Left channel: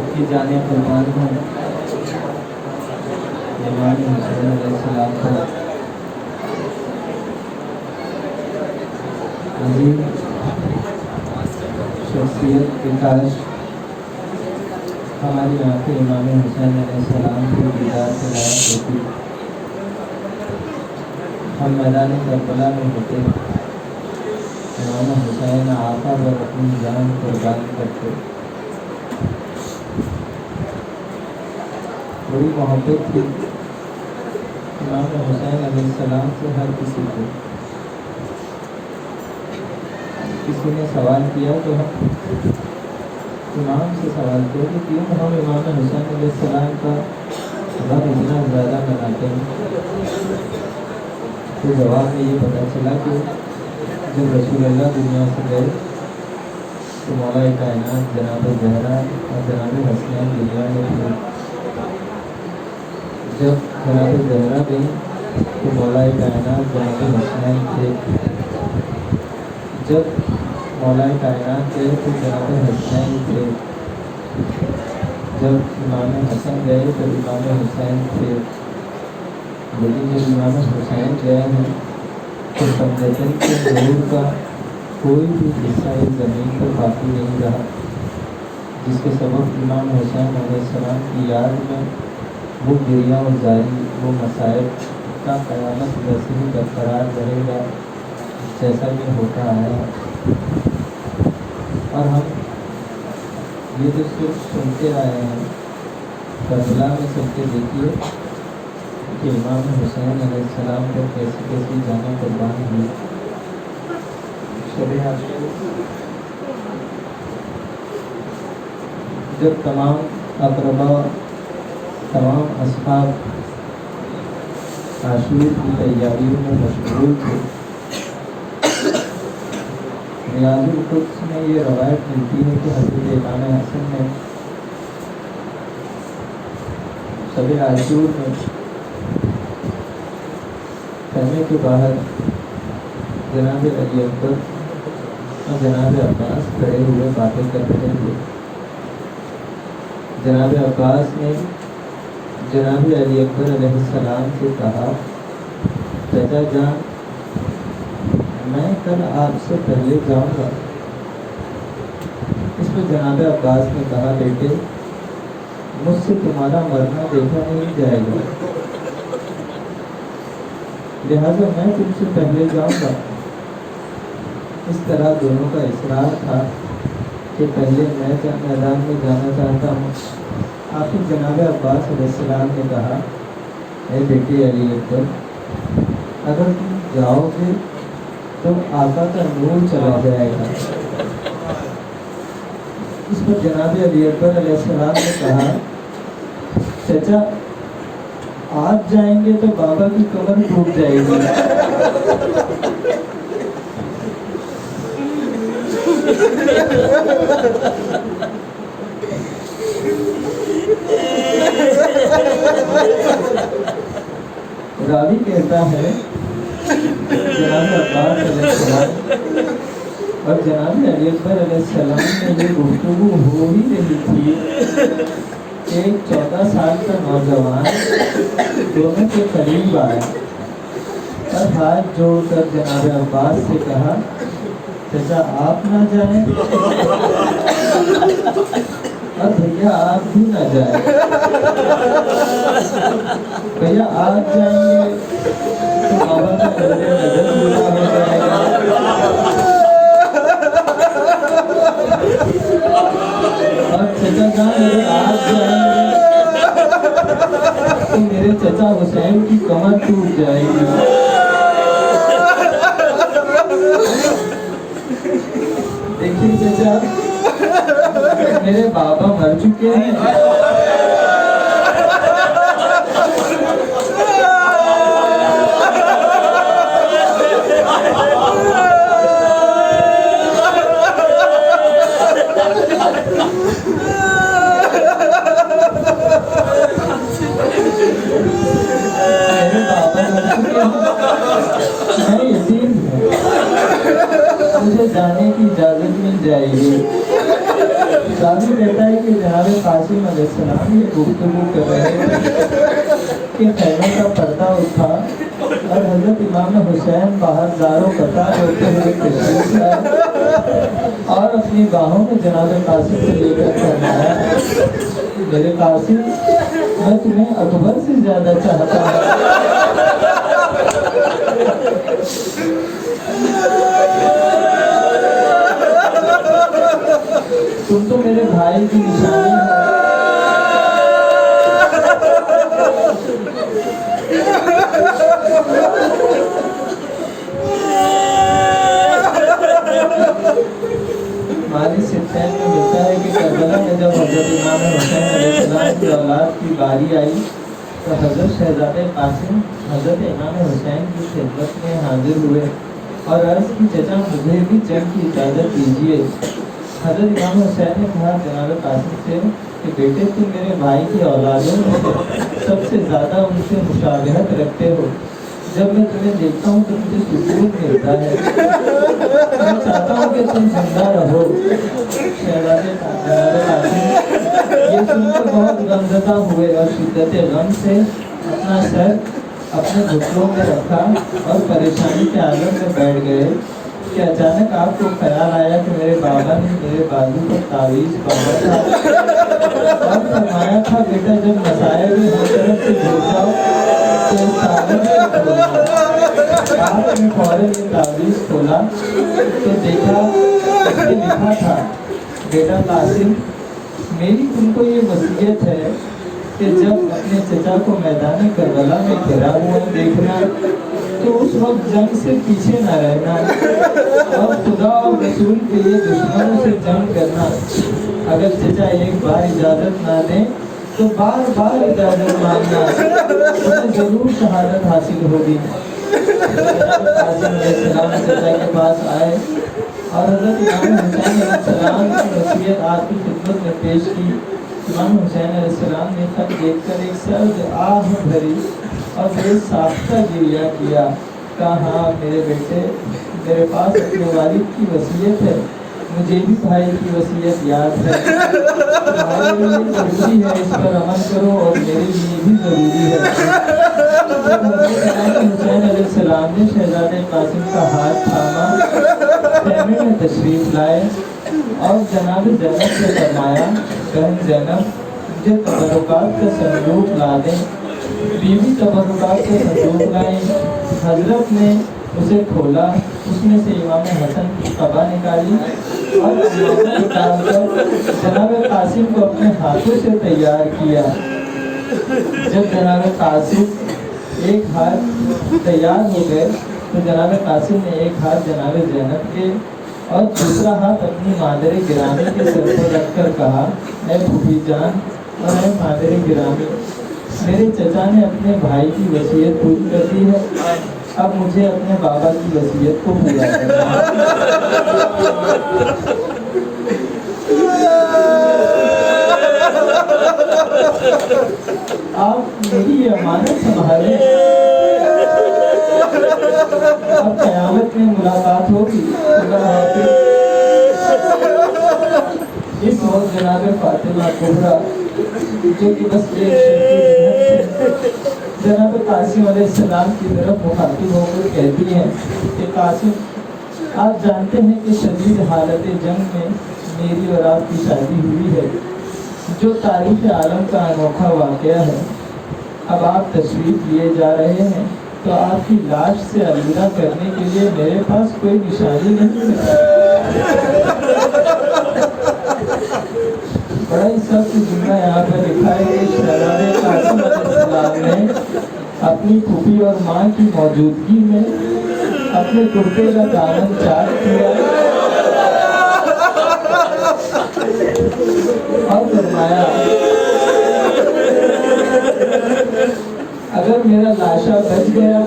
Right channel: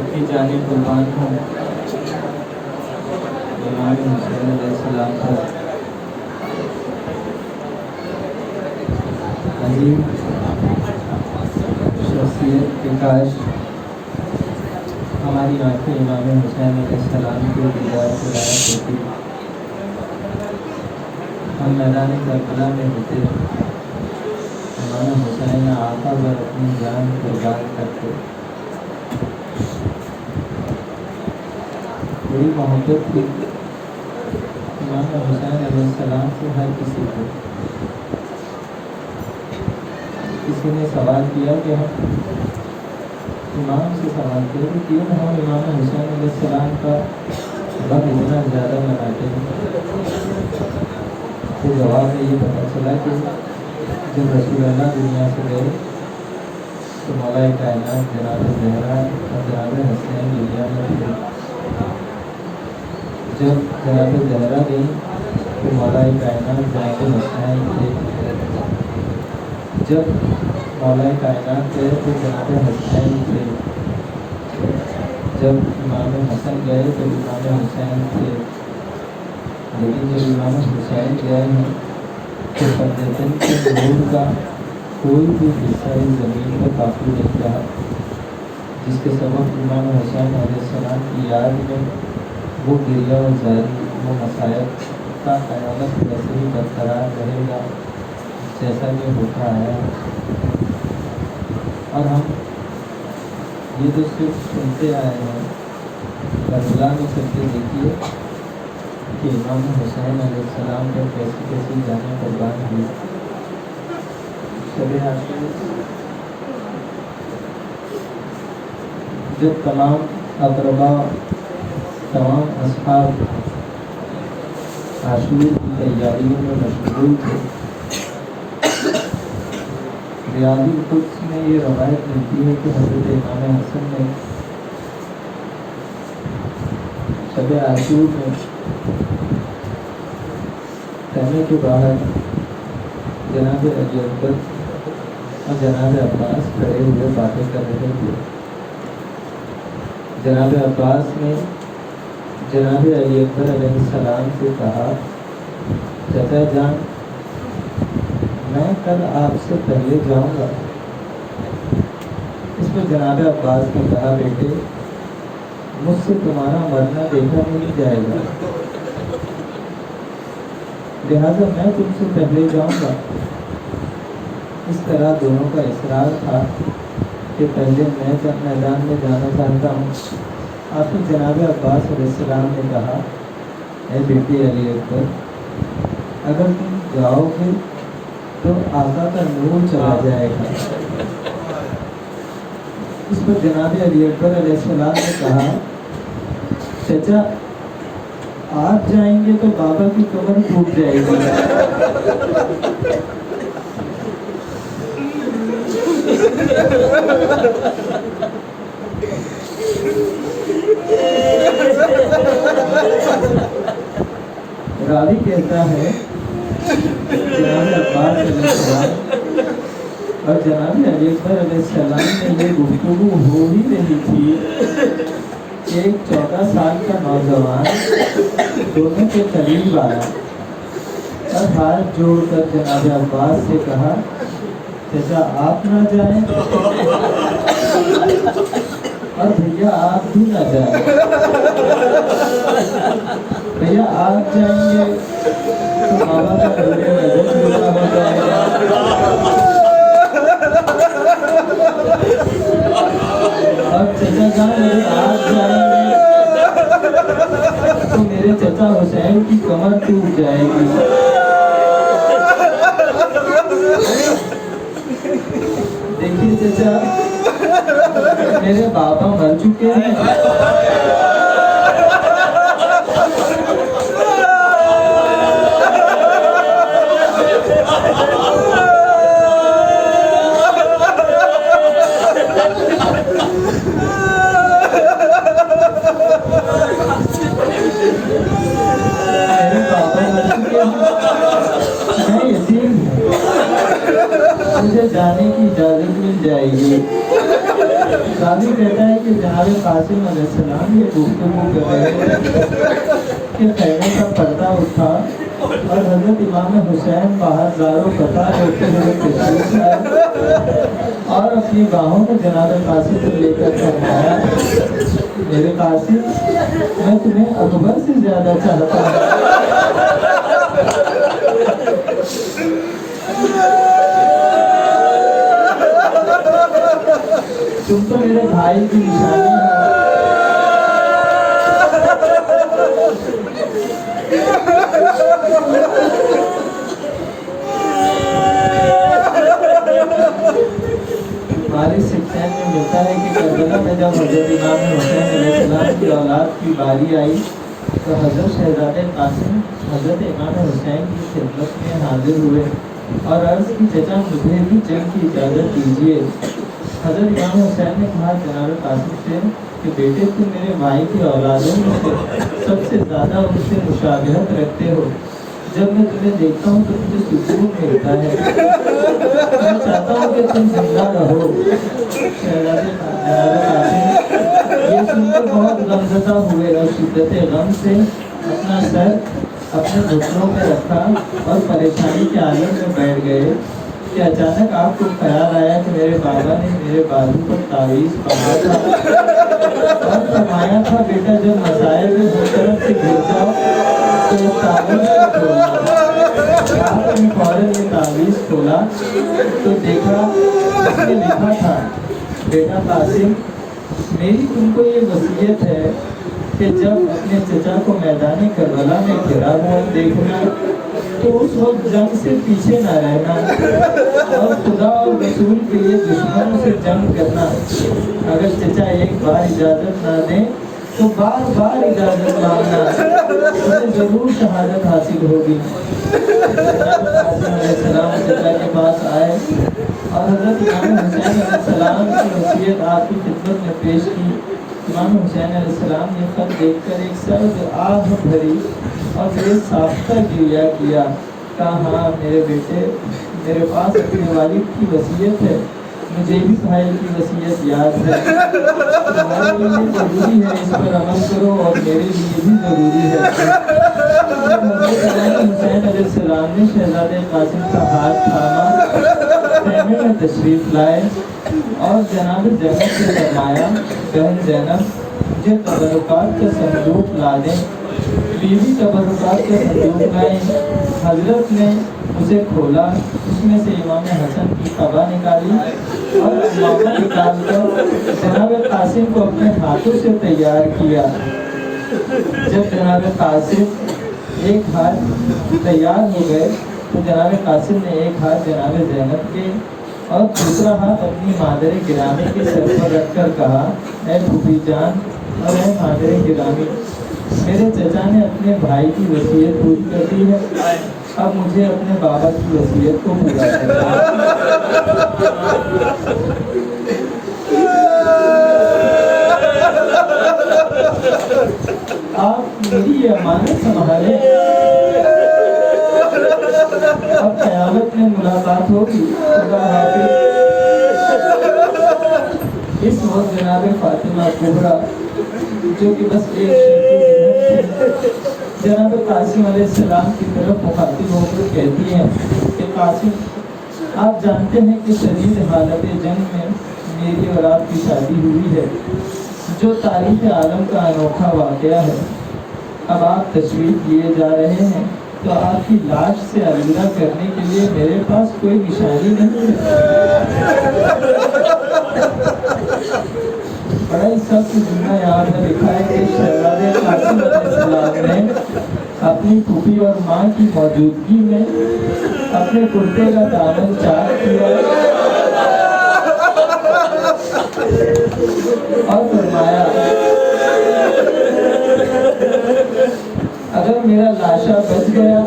सबकी जाने कुर्बान हों इमाम हुसैन अलैहिस्सलाम पर अजीम शख्सियत की काश हमारी आंखें इमाम हुसैन अलैहिस्सलाम के दीदार से लायक होती, हम मैदान करबला में होते, इमाम हुसैन आका पर अपनी जान कुर्बान करते। बड़ी मोहब्बत थी इमाम हुसैन अलैहिस्सलाम से हर किसी को। किसी ने सवाल किया कि हम इमाम से सवाल किया कि क्यों हम इमाम हुसैन अलैहिस्सलाम का गम इतना ज़्यादा मनाते हैं, तो जवाब में ये पता चला कि जब रसूल अल्लाह दुनिया से गए तो मौला कायनात जनाब ज़हरा और जनाब हसनैन दुनिया में थे। जब जनाब ज़हरा गई तो मौला कायनात जनाब हसनैन थे। जब मौला कायनात गए तो जनाब हसनैन थे। जब इमाम हसन गए तो इमाम हुसैन थे। लेकिन जब इमाम हुसैन गए हैं तो पंजतन के नूर का कोई भी हिस्सा इस ज़मीन पर बाकी नहीं रहा, जिसके सबब इमाम हुसैन अलैहिस्सलाम की याद में वो गिरिया और जारी, वो मसाइब का क़यामत वैसे ही बरकरार रहेगा जैसा ये होता आया है। और हम ये जो सुनते आए हैं करबला में सबसे देखिए कि इमाम हुसैन अलैहिस्सलाम पर कैसी कैसी जानें कुर्बान हुई। शब आशूर जब तमाम अक़रबा, तमाम अस्हाब आशूर की तैयारियों में मशगूल थे, रियाजुल कुद्स में ये रवायत मिलती है कि हज़रत इमाम हसन ने शब आशूर में कहने के बाहर जनाब अली अकबर और जनाब अब्बास खड़े हुए बातें कर रहे थे। जनाब अब्बास ने जनाब अली अकबर अलैहिस्सलाम से कहा, चाचा जान मैं कल आपसे पहले जाऊंगा। इस पर जनाब अब्बास ने कहा, बेटे मुझसे तुम्हारा मरना देखा नहीं जाएगा, लिहाजा मैं तुमसे पहले जाऊंगा। इस तरह दोनों का इसरार था कि पहले मैं मैदान में जाना चाहता हूँ। आखिर जनाब अब्बास अलैहिस्सलाम ने कहा, अरे बेटे अली अकबर, अगर तुम जाओगे तो आका का नूर चला जाएगा। इस पर जनाब अली अकबर अलैहिस्सलाम ने कहा, चाचा आप जाएंगे तो बाबा की कमर टूट जाएगी। रावी कहता है जनाब अब्बास अलैहिस्सलाम और जनाब अली अकबर अलैहिस्सलाम में ये गुफ्तगू हो ही रही थी। एक 14 साल का नौजवान दोनों के करीब आया और हाथ जोड़कर जनाब अब्बास से कहा, चाचा आप ना जाएं और भैया आप भी ना जाएं। भैया आप जाएंगे तो बाबा का कल्ले नजर पूरा हो जाएगा, और चाचा जान अगर आप जाएंगे तो मेरे चाचा हुसैन की कमर टूट जाएगी। देखिए चाचा, मेरे बाबा मर चुके हैं, मैं यतीम हूँ, मुझे जाने की इजाज़त मिल जाएगी। रावी कहता है कि जनाब कासिम अलैहिस्सलाम ये गुफ्तगू कर रहे थे कि खैमे का पर्दा उठा और हजरत इमाम हुसैन बाहर दारो कतार होते हुए तशरीफ लाए और अपनी बाहों में जनाब कासिम को लेकर फरमाया, मेरे कासिम मैं तुम्हें अकबर से ज्यादा चाहता हूँ। तुम तो मेरे भाई की निशानी है। हमारे सिलसिले में मिलता है कि करबला में जब हजरत इमाम हुसैन अलैहिस्सलाम की औलाद की बारी आई तो हजरत शहजादे कासिम हजरत इमाम हुसैन की खिदमत में हाजिर हुए और अर्ज़ की, चचा मुझे भी जंग की इजाज़त दीजिए। हजरत इमाम हुसैन ने कहा जनाब कासिम से कि बेटे तुम मेरे भाई की औलादों में से सबसे ज़्यादा उनसे मुशाबहत रखते हो। जब मैं तुम्हें देखता हूँ तो मुझे सुकून मिलता है। मैं चाहता हूँ कि तुम जिंदा रहो। शहजादे जनाब कासिम ये सुनकर बहुत गमज़दा हुए और शिद्दत गम से अपना सर अपने घुटनों में रखा और परेशानी के आलम में बैठ गए कि अचानक आपको ख्याल आया कि मेरे बाबा ने मेरे बाजू पर तावीज़ बांधा था और फरमाया था, बेटा जब मसाइल में हर तरफ से घुस जाओ तो इस तावीज़ को खोलना। आपने फौरन ये तावीज़ खोला तो देखा उसमें लिखा था, बेटा कासिम मेरी तुमको ये वसीयत है कि जब अपने चचा को मैदान करबला में घिरा हुआ देखना तो उस वक्त जंग से पीछे न रहना और खुदा और रसूल के लिए दुश्मनों से जंग करना। अगर चचा एक बार इजाज़त ना दें तो बार बार इजाज़त मांगना, तुम्हें जरूर शहादत हासिल होगी। अलैहिस्सलाम चचा के पास आए और हज़रत इमाम हुसैन अलैहिस्सलाम की वसीयत आपकी खिदमत में पेश की। इमाम हुसैन अलैहिस्सलाम ने खत देखकर एक सर्द आह भरी और बेसाख्ता गिरिया किया। कहा, हाँ मेरे बेटे, मेरे पास अपने वालिद की वसीयत है, मुझे भी भाई की वसीयत याद है। तुम्हारे लिए ज़रूरी है इस पर अमल करो और मेरे लिए भी ज़रूरी है। हुसैन अलैहिस्सलाम ने शहजादे कासिम का हाथ थामा, खैमे में तशरीफ लाए और जनाब ज़ैनब से फरमाया, बहन ज़ैनब मुझे तबरुकात का संदूक ला दें। बीवी तबरुकात का संदूक लाई। हजरत ने उसे खोला, उसमें से इमाम हसन की कबा निकाली और इमामा निकालकर जनाब कासिम को अपने हाथों से तैयार किया। जब जनाब कासिम एक हाथ तैयार हो गए तो जनाब कासिम ने एक हाथ जनाब ज़ैनब के और दूसरा हाथ अपनी मादर गिरामी के सर पर रखकर कहा, ऐ फूफी जान और ऐ मादर गिरामी, मेरे चचा ने अपने भाई की वसीयत पूरी कर दी है, अब मुझे अपने बाबा की वसीयत को पूरा करना है। आप मेरी ये अमानत संभालें, अब क़यामत में मुलाकात होगी। इस वक्त जनाब फातिमा कुबरा जो कि बस एक जनाब कासिम अलैहिस्सलाम की तरफ मुखातिब होकर कहती हैं कि कासिम, आप जानते हैं कि शदीद हालत जंग में मेरी और आपकी शादी हुई है, जो तारीख़ आलम का अनोखा वाक़या है। अब आप तशरीफ़ लिए जा रहे हैं तो आपकी लाश से अलविदा करने के लिए मेरे पास कोई निशानी नहीं है। बड़ा ही सख्त जुमला यहाँ पर लिखा है कि शहजादे कासिम अलैहिस्सलाम ने अपनी फूफी और माँ की मौजूदगी में अपने कुर्ते का दामन चाक किया और फरमाया, अगर मेरा लाशा बच गया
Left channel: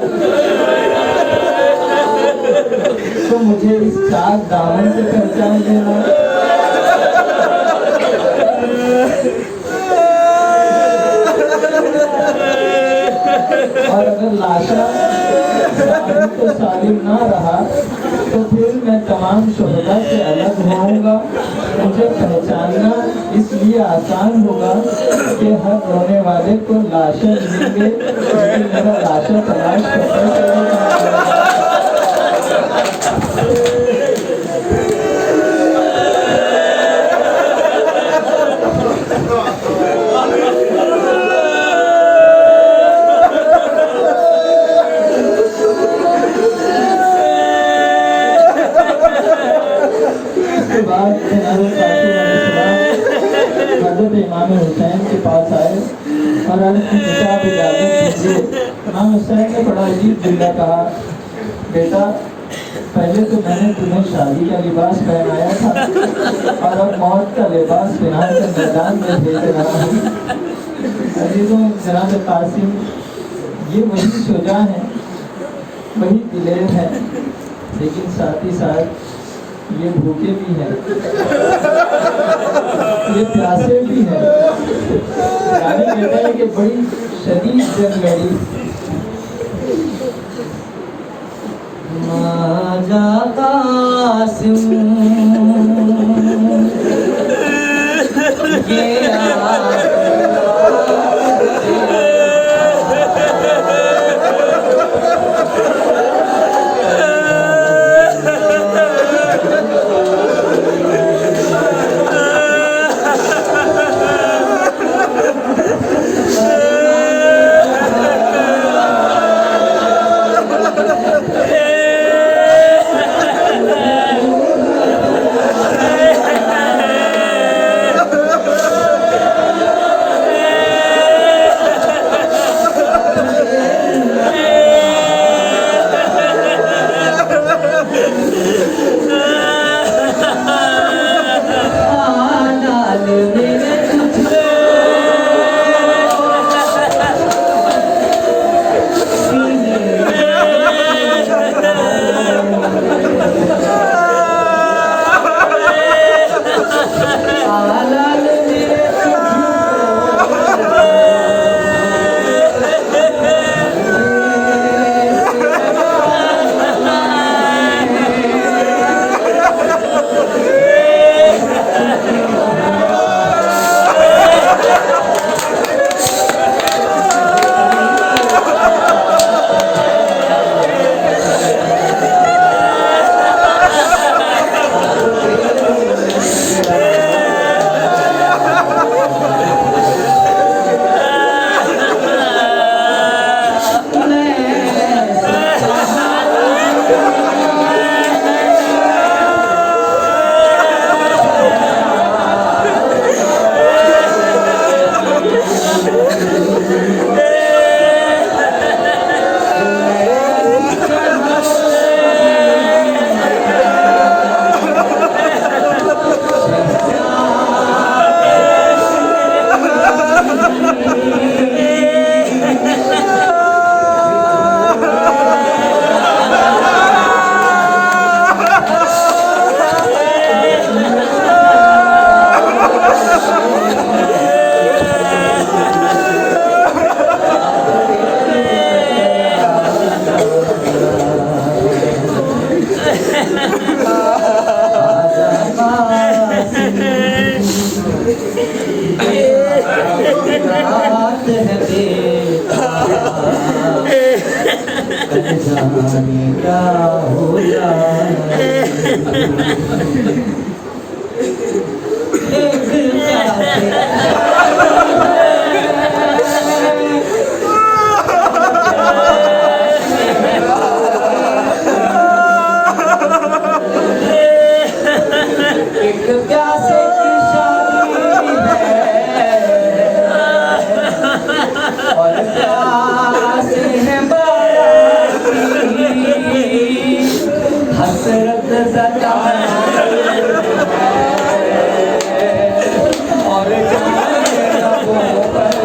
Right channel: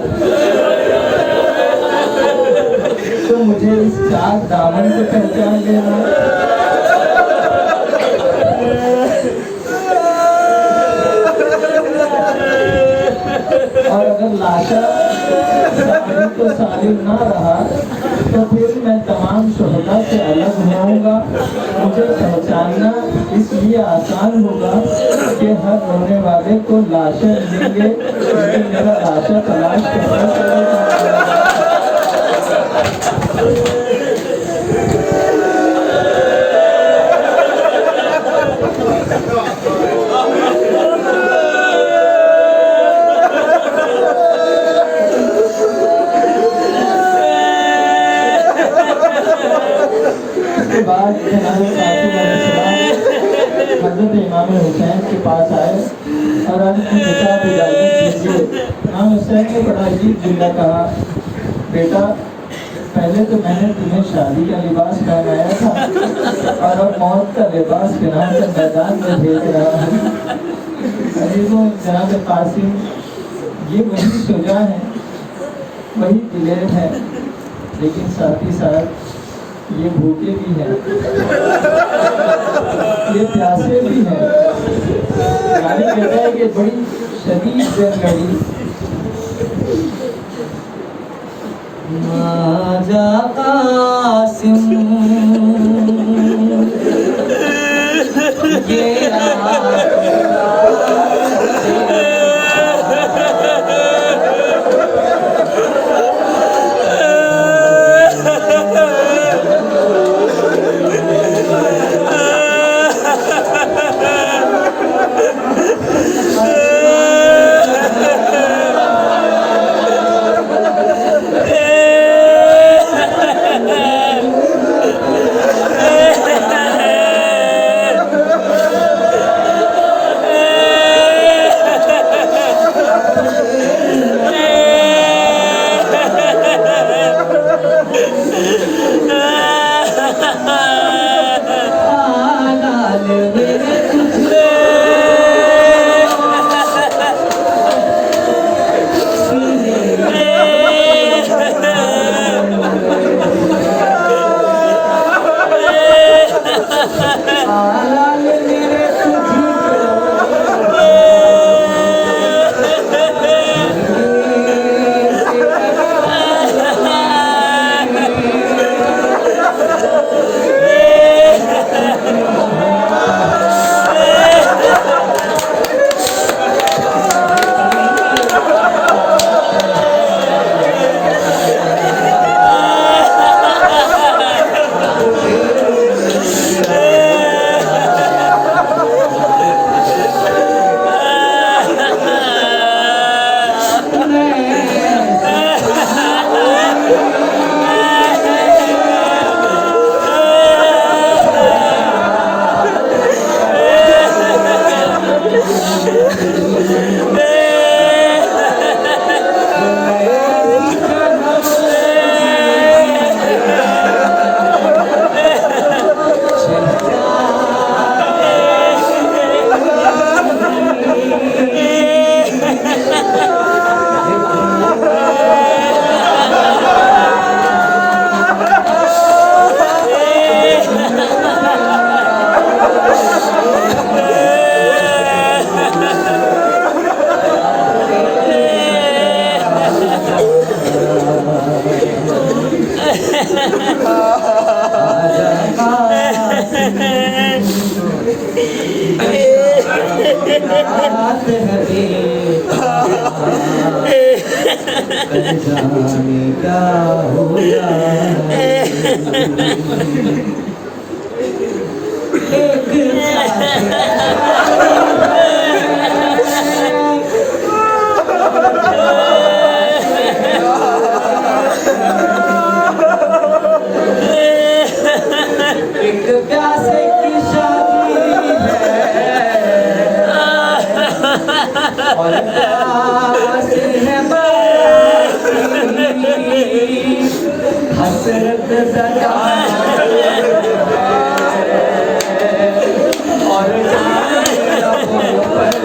तो मुझे इस चाक दामन को पहचान लेना और अगर लाशा सालिम तो सालिम ना रहा तो फिर मैं तमाम शोहदा से अलग होऊंगा, मुझे पहचानना इसलिए आसान होगा कि हर रोने वाले को लाशें मिलेंगे, लेकिन मेरा लाशा तलाश करने हज़रत इमाम हुसैन के पास आए और अपनी किताब इजाज़त दीजिए। इमाम हुसैन ने बड़ा अजीब जुमला कहा, बेटा पहले तो मैंने तुम्हें शादी का लिबास पहनाया था और अब मौत का लिबास पहनाकर मैदान में भेज रहा हूँ। अजीजों, जनाब कासिम ये वही शुजा है, वही दिलेर है, लेकिन साथ ही साथ ये भूखे भी हैं, ये प्यासे भी हैं। यानी कहता है कि बड़ी शदीद जंग लड़ी। माजा कासिम ये जाने क्या हो जाए। एक प्यासे की शादी है और प्यासे है हसरत ज़दा और जाने लबों पर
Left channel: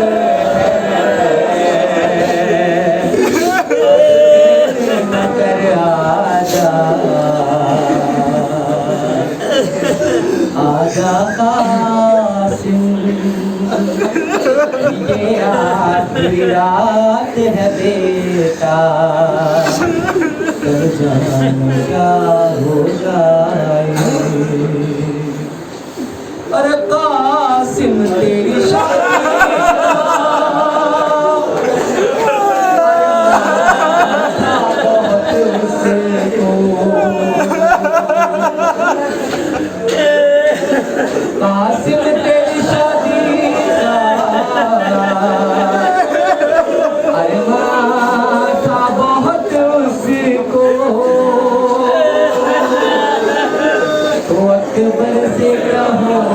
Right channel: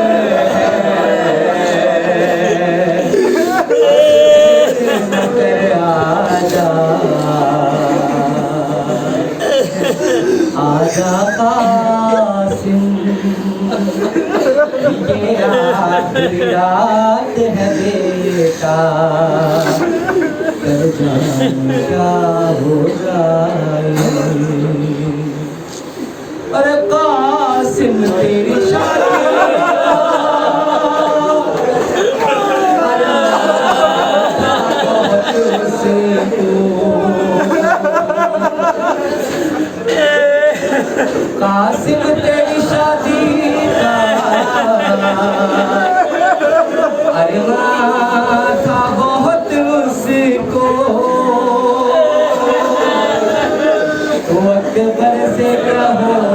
न कर आजा कासिम, ये आखिरी रात है बेटा, कर जाने क्या हो जाए। अरे कासिम तेरी शादी कासिम तेरी शादी अरे था बहुत उसको वक्त भर से क्या होता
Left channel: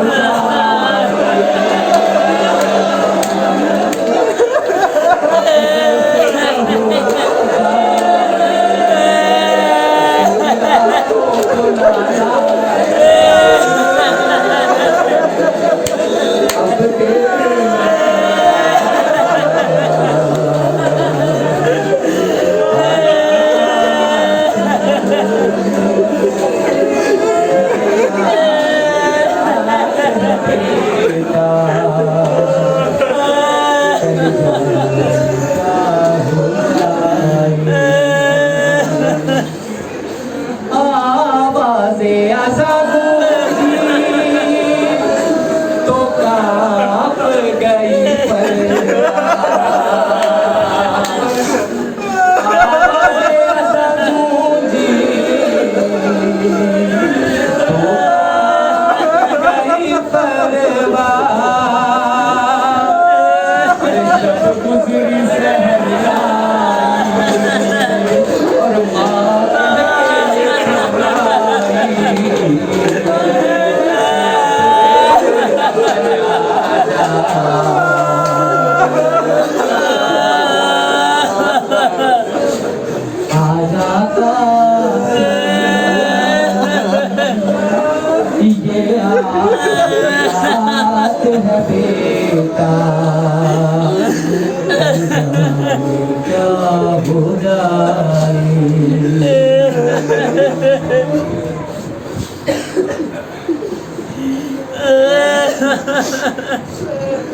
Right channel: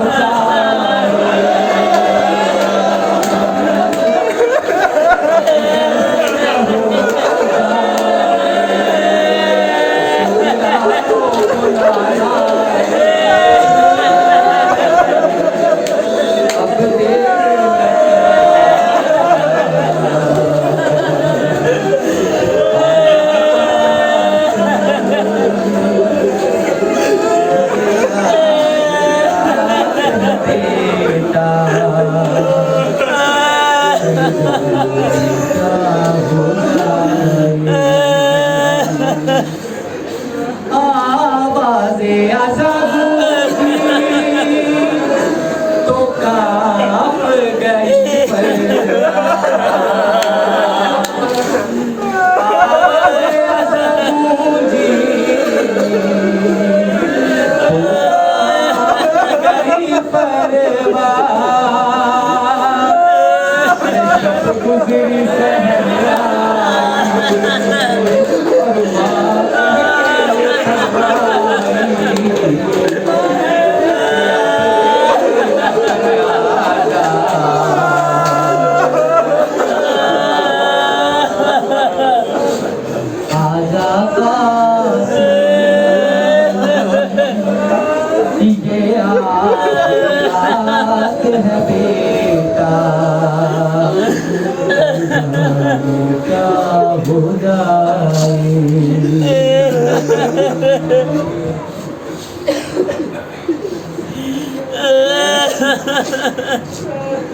है बेटा क्या हो जाए।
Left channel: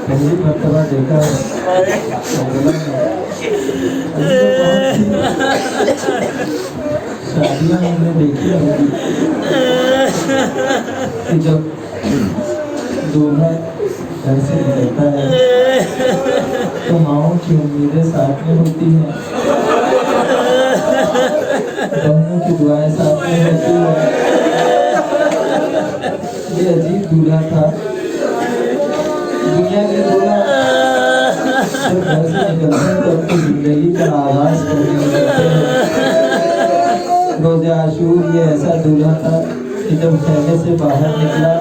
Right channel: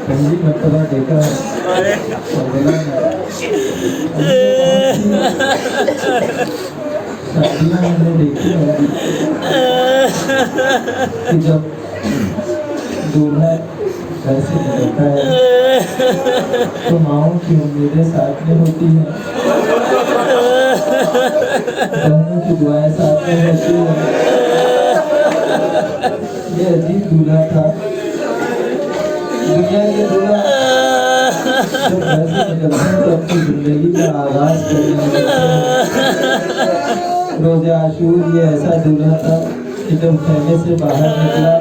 पहली मर्तबा देखा शादियाँ मैंने देखी होंगी कि जब दूल्हा घर से निकलता है तो माओं की उम्मीदें साथ में होती हैं, बहनों की दुआएं साथ में होती हैं। ये अजीब दूल्हा था। दुनिया के दूल्हा जब घर से निकलते हैं तो अपनी जिंदगी का आगाज करने लगते हैं। रोज़े आशूर ये ऐसा दूल्हा था कि जब खेमे से बाहर निकला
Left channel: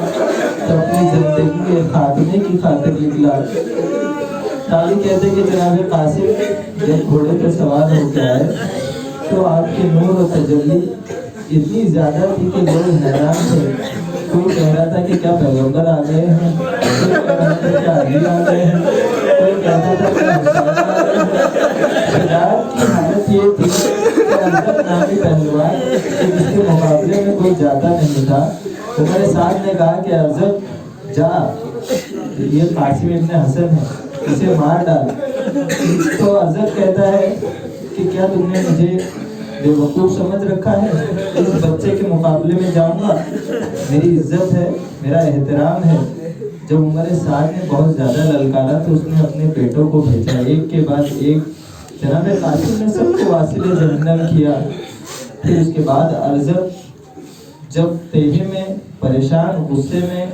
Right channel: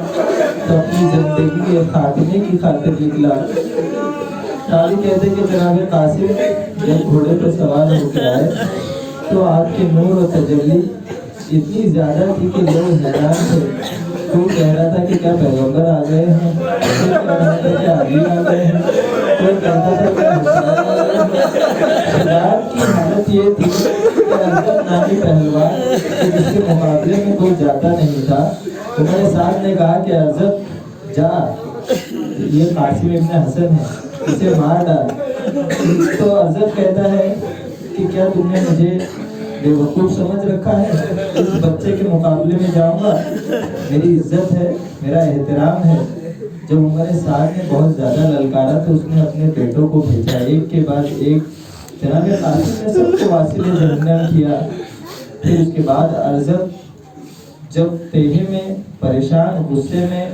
तो अपनी जिंदगी के खात्मे की खातिर निकला। ताली कहते कि जनाब कासिम जब घोड़े पर सवार होकर आए तो आपके नूर और तजल्ली इतनी ज़्यादा थी कि लोग हैरान थे। कोई कह रहा था कि क्या पैगंबर आ गए हैं, कोई कह रहा था कि अली आ गए हैं, कोई कहता था कि हुसैन आ गए हैं। शराब की हालत ये थी कि अरजत नामी पहलवान जिसके मुकाबले में कोई जाता नहीं था, उमर साहब ने कहा कि अरजत जा, ये कासिम इब्न हसन है, इसे मार डाल। तो अरजत कहता है कि क्या तुमने मुझे बेवकूफ़ समझ रखा है, इस बच्चे के मुकाबले में जाऊंगा? मेरी इज्जत है, मेरा एहतराम है। जब उमर साद ने बहुत ज़्यादा ललकारा तो उसने अपने बेटों को भेजा, एक के बाद एक। जनाब कासिम ने सबको वासिले जहन्नम किया। फिर उसके बाद अरजत जब तेहे में परेशान गुस्से में,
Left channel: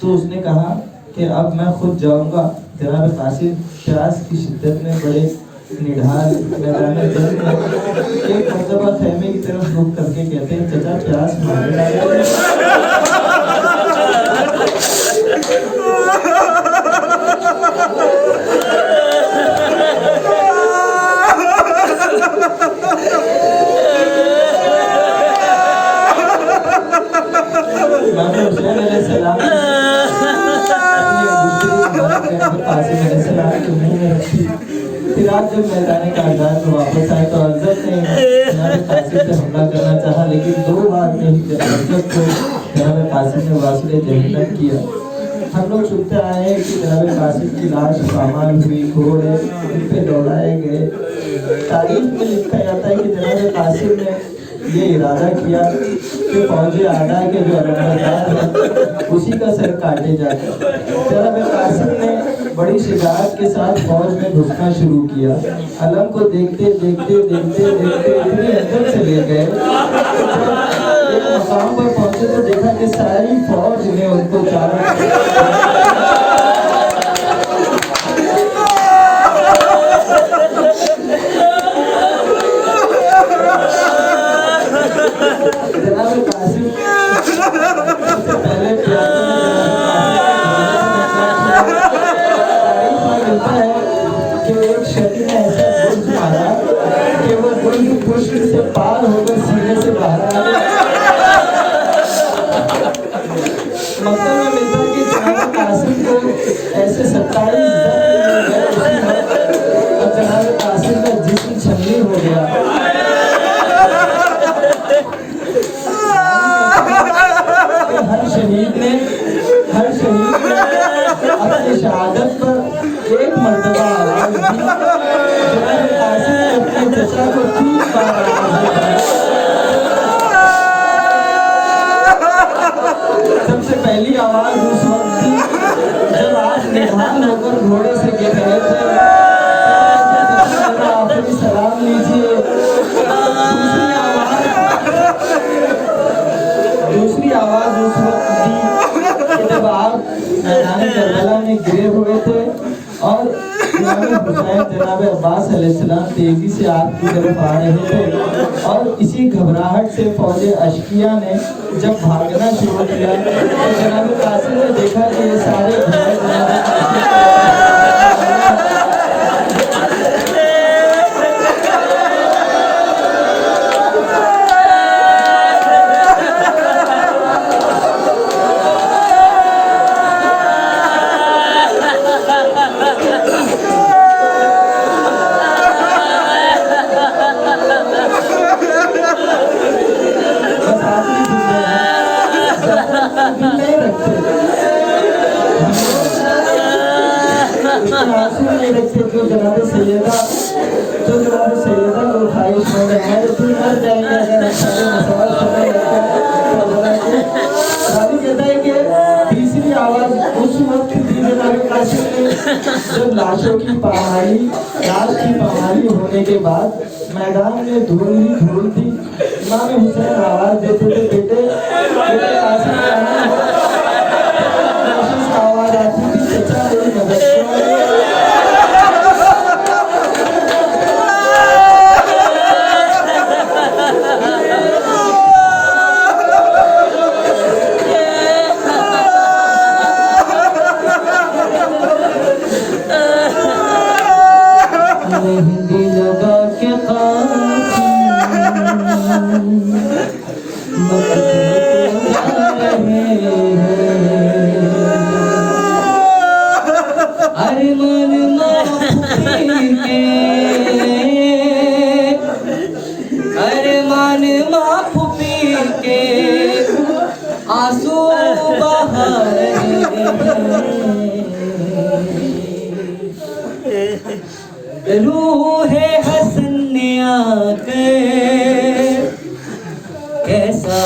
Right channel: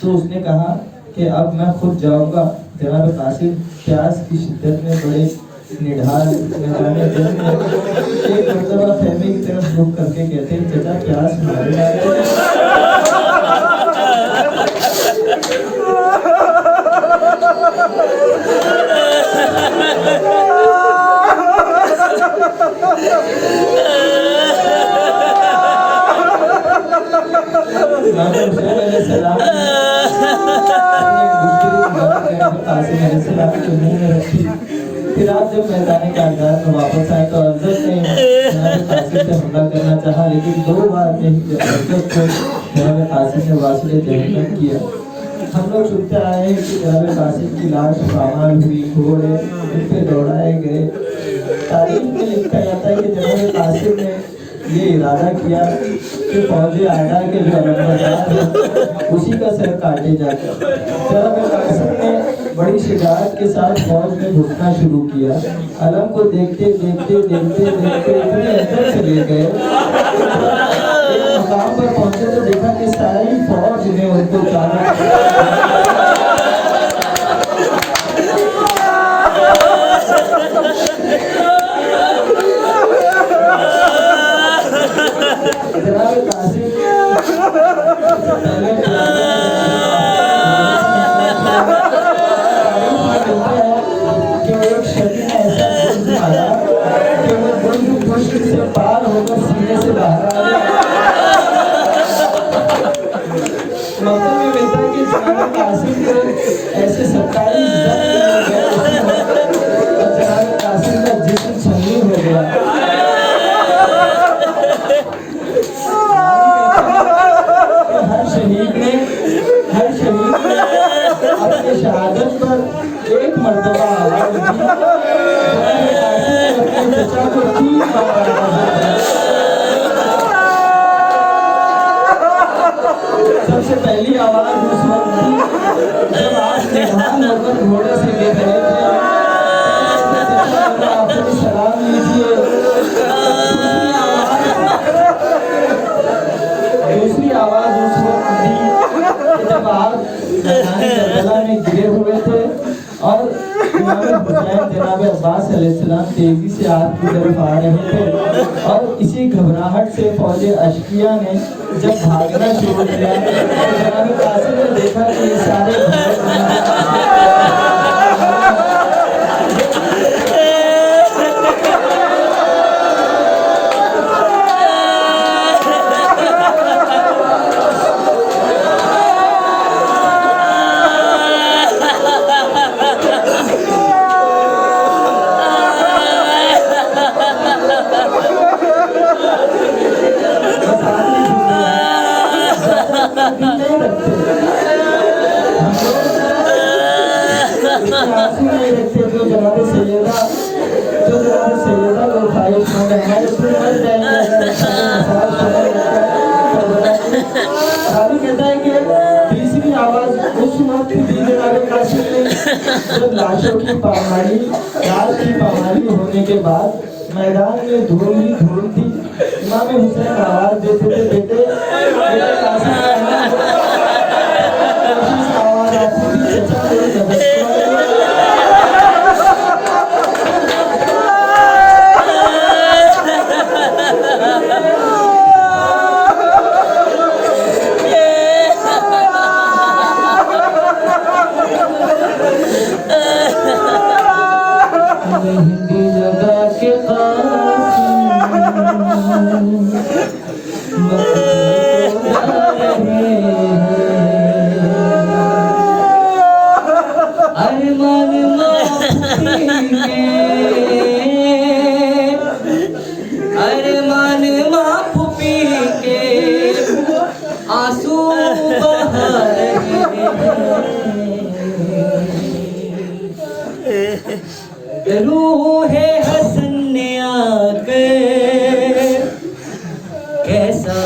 तो उसने कहा कि अब मैं खुद जाऊंगा। जनाब कासिम प्यास की शिद्दत में बड़े निढाल मैदान जंग में एक मरतबा खेमे की तरफ रुक करके कहते हैं, चचा प्यास मारे डाल। फिर आप जब मैदान कागजात में वापस आए तो अरजत ने जनाब कासिम पे हमला करना चाहा, लेकिन 2 बार में अरजत को जनाब कासिम ने वासिले जहन्नम किया। हम लोग सुनते आए हैं कि जनाब कासिम की लाश पामाल हुई, घोड़े उन पे दौड़ाए गए। तारीख में लिखा जाता है कि जनाब कासिम ने ये इरादा किया कि फौजी आगा के जो अलमबरदार है उसी का सर काटे जाकर। जनाब कासिम ने बड़ी शिजाअत के साथ फौज में घुसना शुरू किया। अलम को देखते देखते देखते देखते इतने अंदर चले गए, एक मकाम पर पहुंचे तो देखा कि सारी फौज ने उनको चारों से पार होकर सीने से बाहर आ गया। मक्का में मिलता कि जनाब कासिम को ऐसे 47 जख्म मिल गए और जनाब कासिम का जिस्म छलील हो गया। हर शहीद ने अपनी शहादत पर एक मर्तबा आवाज दी। जनाब कासिम ने अपने चचा को 3 बार सबसे पहली आवाज उस वक्त थी जब आप निहाल होकर घोड़े से गिर रहे थे, आपने सलाम लीजिए। दूसरी आवाज उस वक्त थी जब आप मैदान करबला में गिरे हुए थे और इमाम हुसैन जनाब अब्बास अलैहिस्सलाम तेजी से आपकी तरफ आ रहे थे और इसी घबराहट से फौज अशकिया ने जब भागना शुरू किया तो जनाब कासिम ने देखा कि ये सारे जो जनाब सैयदा को ख्वाहिश हो रहा है तो मर जाएंगे। खाली कहता है कि तीसरी आवाज उस वक्त दी जनाब कासिम ने जब लाशों की पामाली होने के बाद मैदान में धूल ही धूल थी। इमाम हुसैन आवाज देते थे, बेटे कासिम आवाज आती थी, चचा मेरी मदद हिंदी लगा के अरमान माफ पी के आंसू बहा रहे रूहे हसन ने आकर कैसा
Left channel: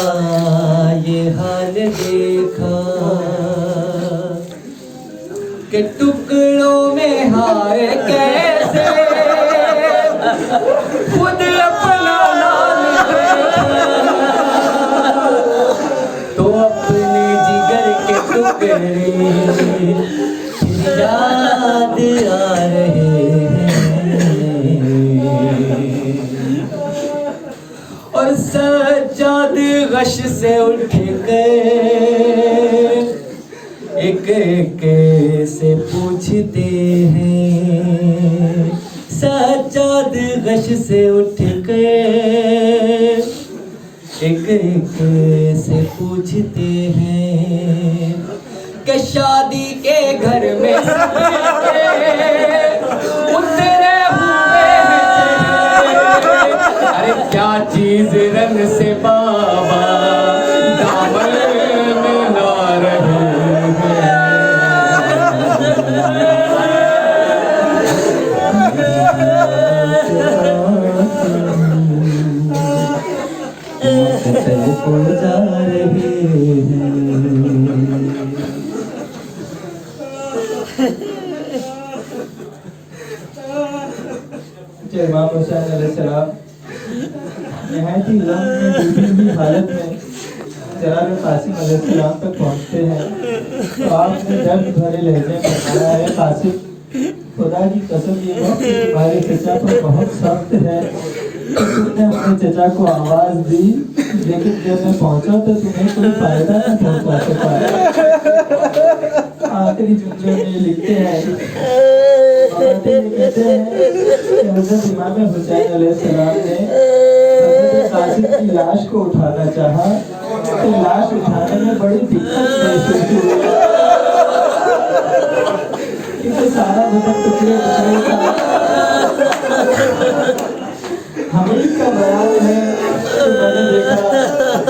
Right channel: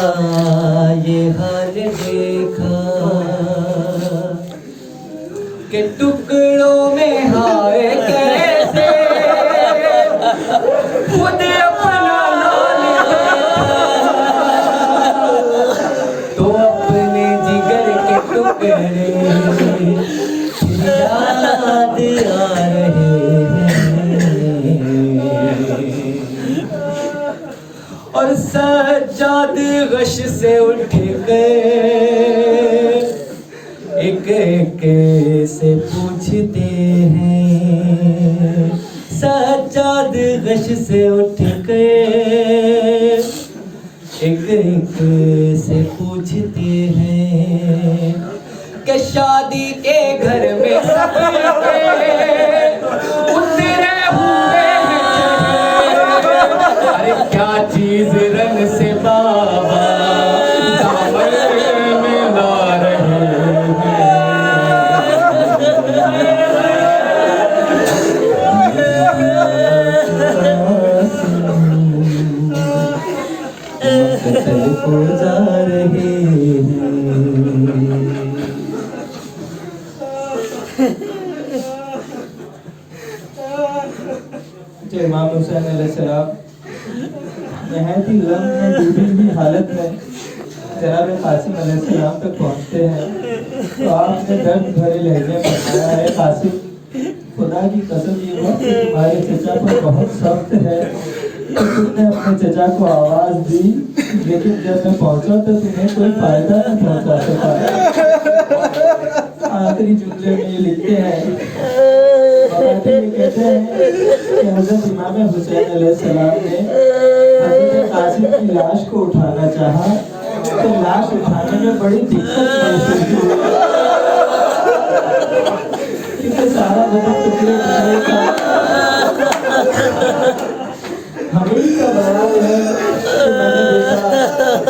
ये हाल देखा कि टुकड़ों में हाय कैसे खुद अपना लाल देखा तो अपने जिगर के टुकड़े याद आ रहे और सज्जाद गश से उठ गए एक एक से पूछते हैं। सज्जाद गश से उठ गए एक एक से पूछते हैं कि शादी के घर में सबके उतरे हुए हैं। अरे क्या चीज रन से बाबा दामन में ला रहे हैं। पूजा इमाम हुसैन अलैहिस्सलाम नहायत ही गम में डूबी हुई हालत में जनाब कासिम अलैहिस्सलाम तक पहुंचते हैं तो आपने दर्द भरे लहजे में बताया है, कासिम खुदा की कसम ये वक्त तुम्हारे चचा पर बहुत सख्त है। तो तुमने अपने चचा को आवाज दी, लेकिन जब मैं पहुंचा तो तुम्हें कोई फायदा न पहुंचा सका। आखिरी जुमले में ये लिखते हैं, कहते हैं कि हज़रत इमाम हुसैन अलैहिस्सलाम ने हज़रत कासिम की लाश को उठाना चाहा तो लाश उठाने में बड़ी दिक्कत महसूस हुई, क्योंकि सारा बदन टुकड़े टुकड़े था। हमीद का बयान है कि मैंने देखा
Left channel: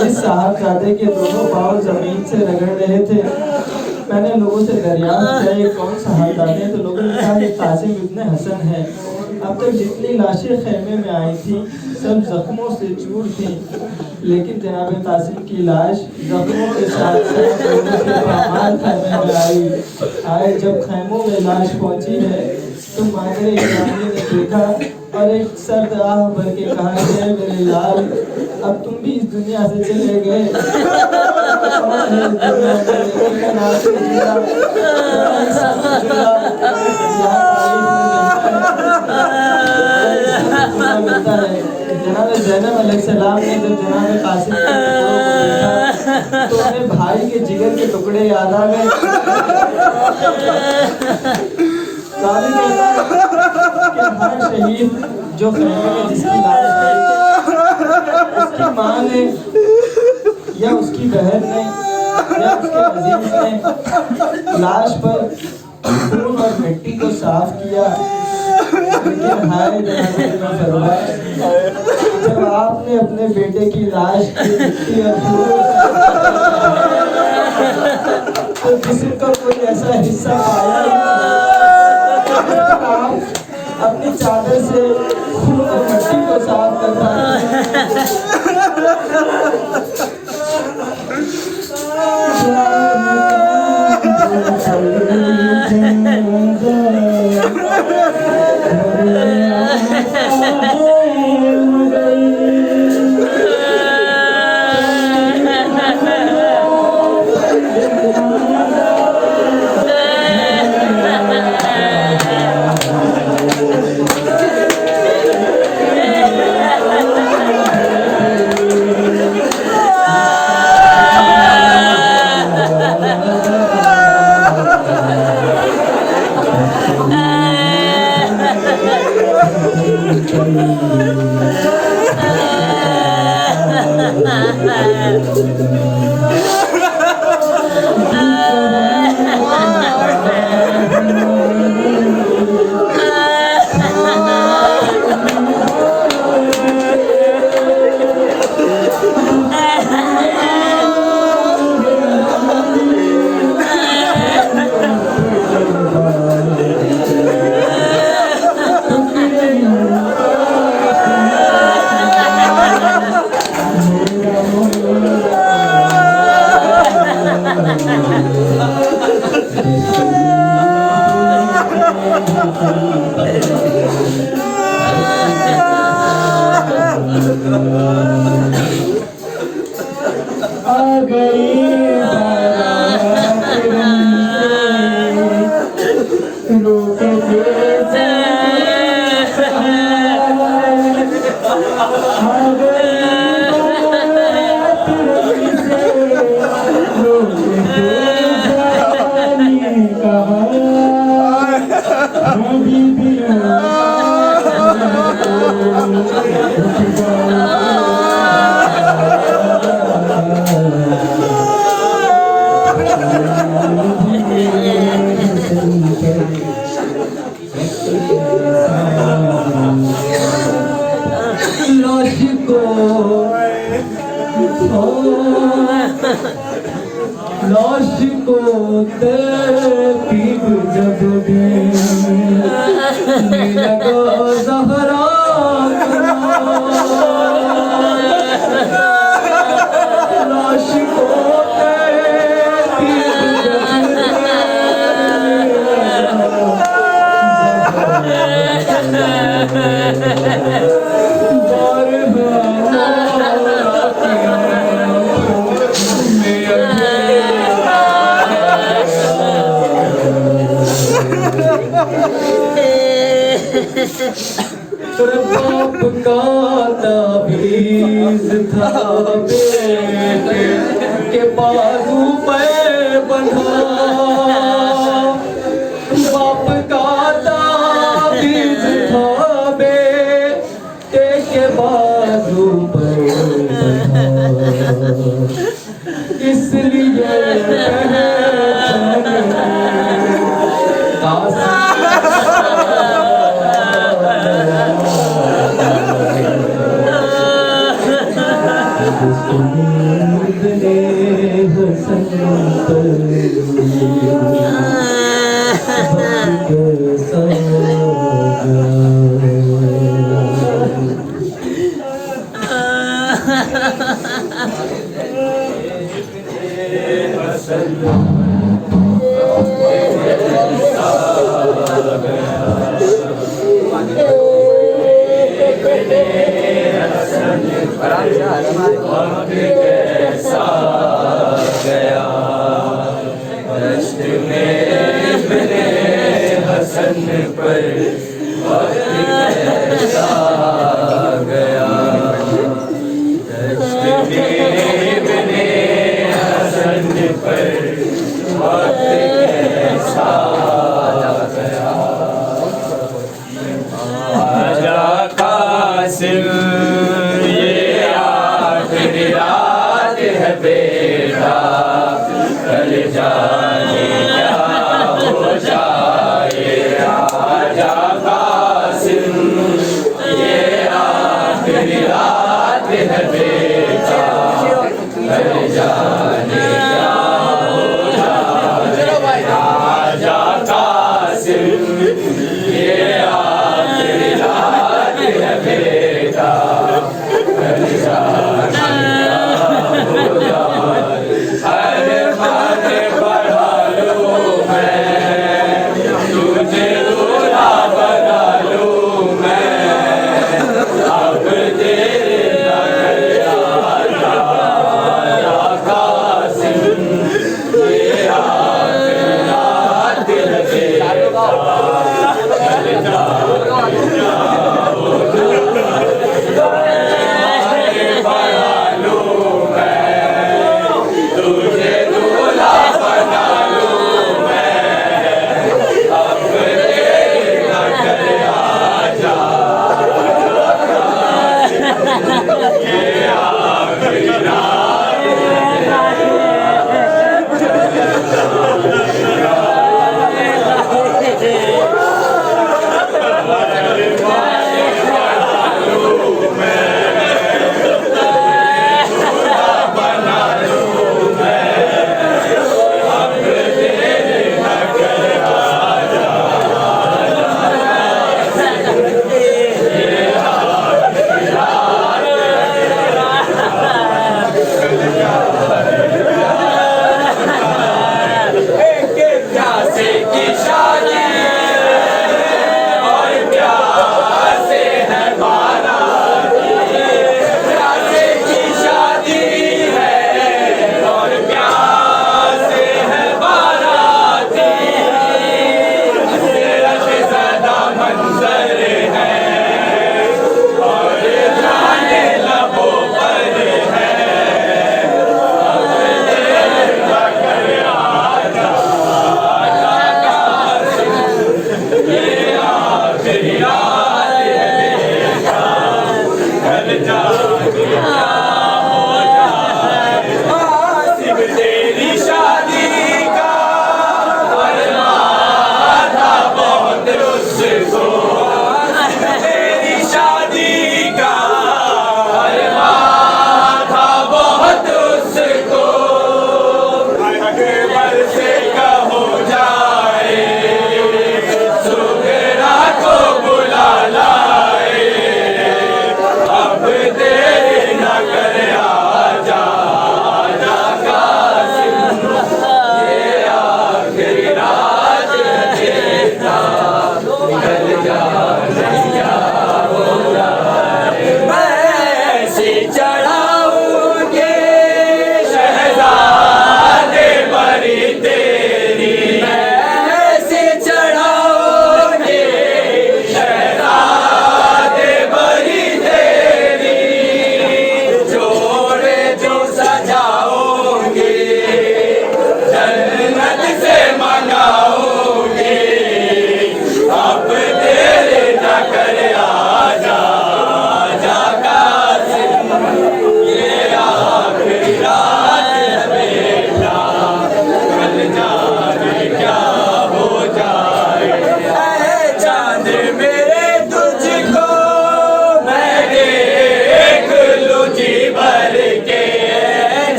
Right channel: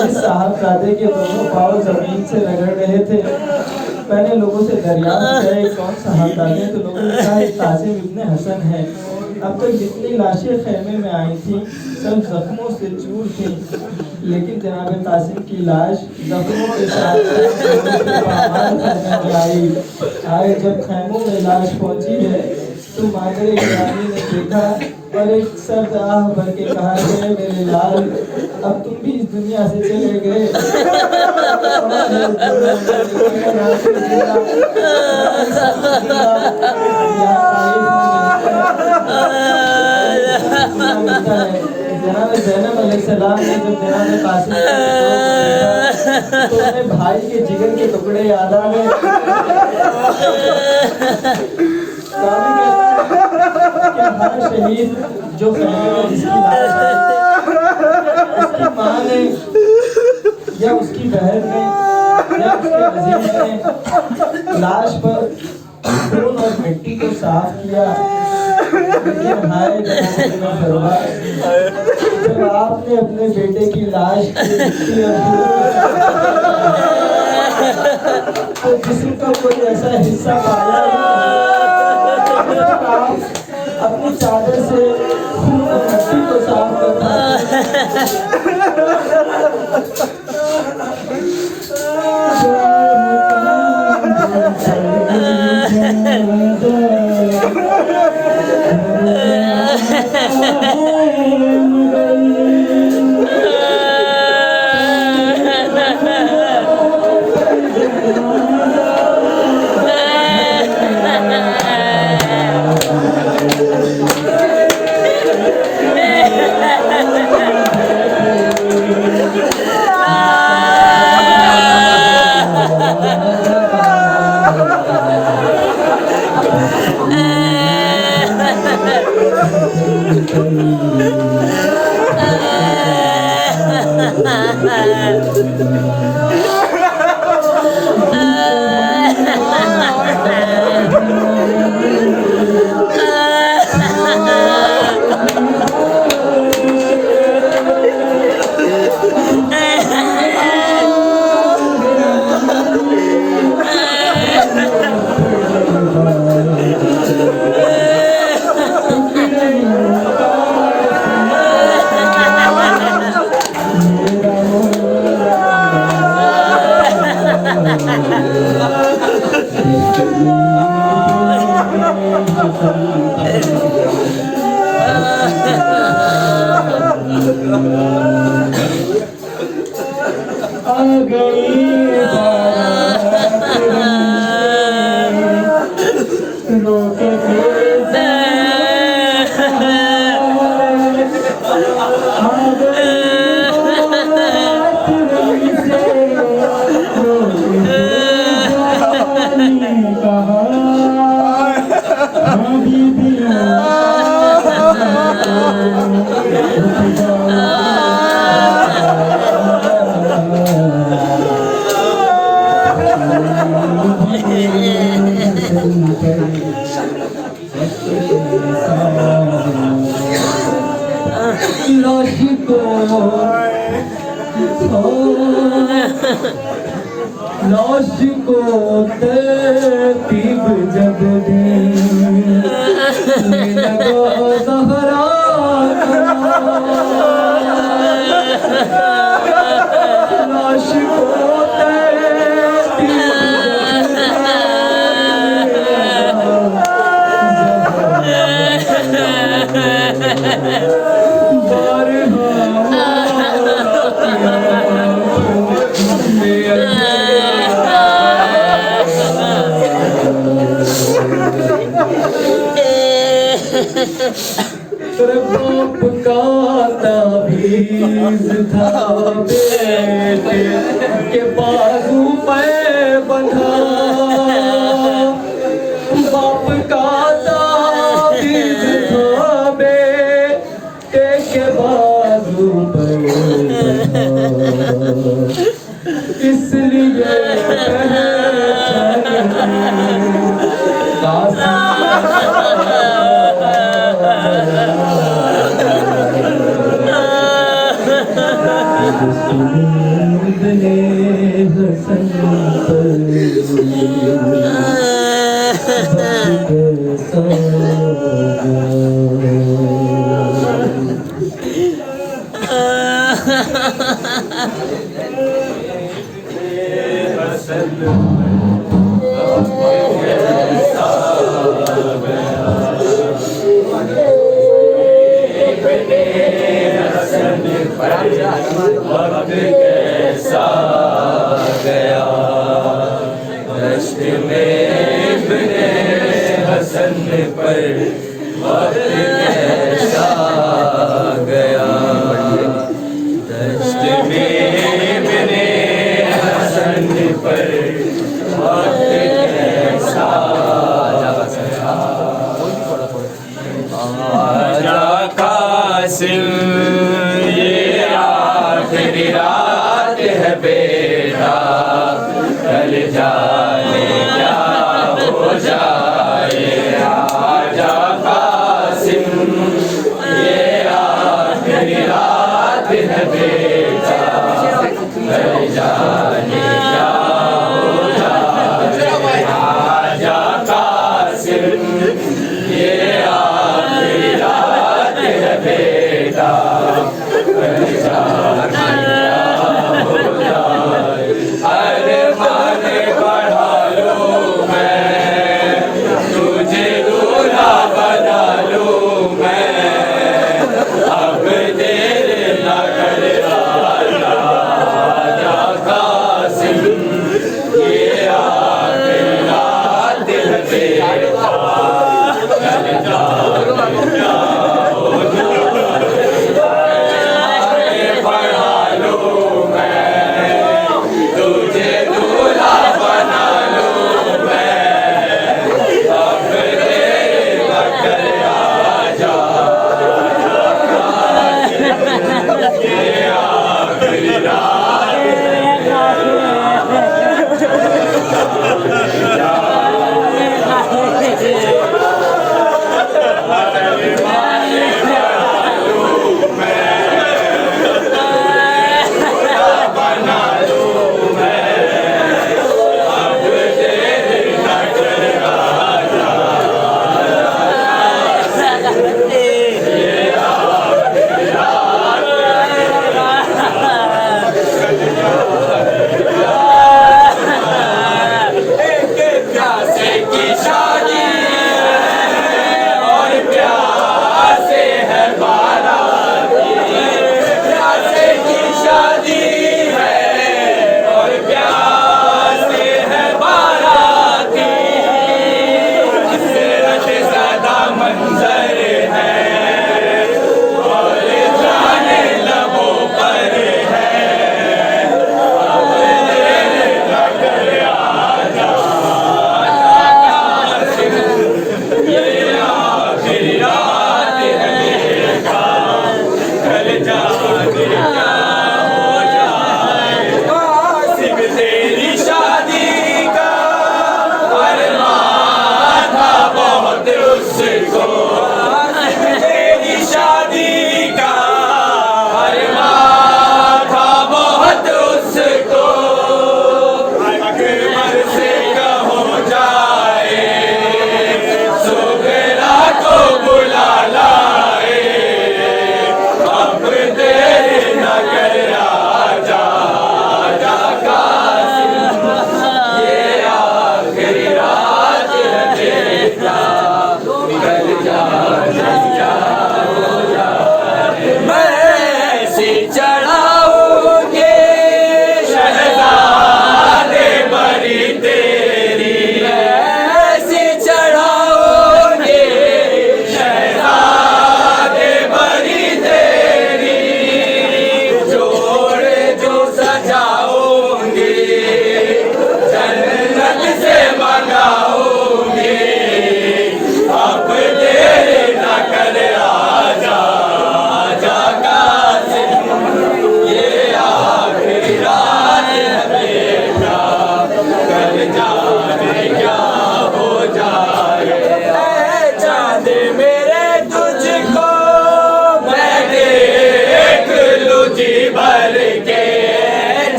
इस साहबजादे के दोनों पाँव जमीन से रगड़ रहे थे। मैंने लोगों से दरियाफ्त किया ये कौन साहबजादे, तो लोगों ने कहा ये कासिम इब्न हसन है। अब तक जितनी लाशें खेमे में आई थी सब जख्मों से चूर थी, लेकिन जनाब कासिम की लाश जख्मों के साथ खेमे में आई। जब खैमों में लाश पहुंची है तो मादरे इब्राहिम ने देखा और एक सर्द आह भर के कहा है, मेरे लाल अब तुम भी इस दुनिया से चले गए। ज़ैनब अलैहिस्सलाम ने जब जनाब कासिम तो अपने भाई के जिगर के टुकड़े याद आ गए। शहीद जो में जिसकी लाश है उसकी माँ ने या उसकी बहन ने या उसके अजीज ने लाश पर खून और मिट्टी को साफ किया। जब आपने अपने बेटे की लाश की मिट्टी तो किसी को कोई ऐसा हिस्सा पाया अपनी चादर से खून और मिट्टी को साफ करता लाश को तरतीब जब दी तेरे बाप का ताबीज था बेटे के बाजू पे बंधा, बाप का ताबीज था बेटे के बाजू पे बंधा, इसलिए पहचान सुनील ने हसन पर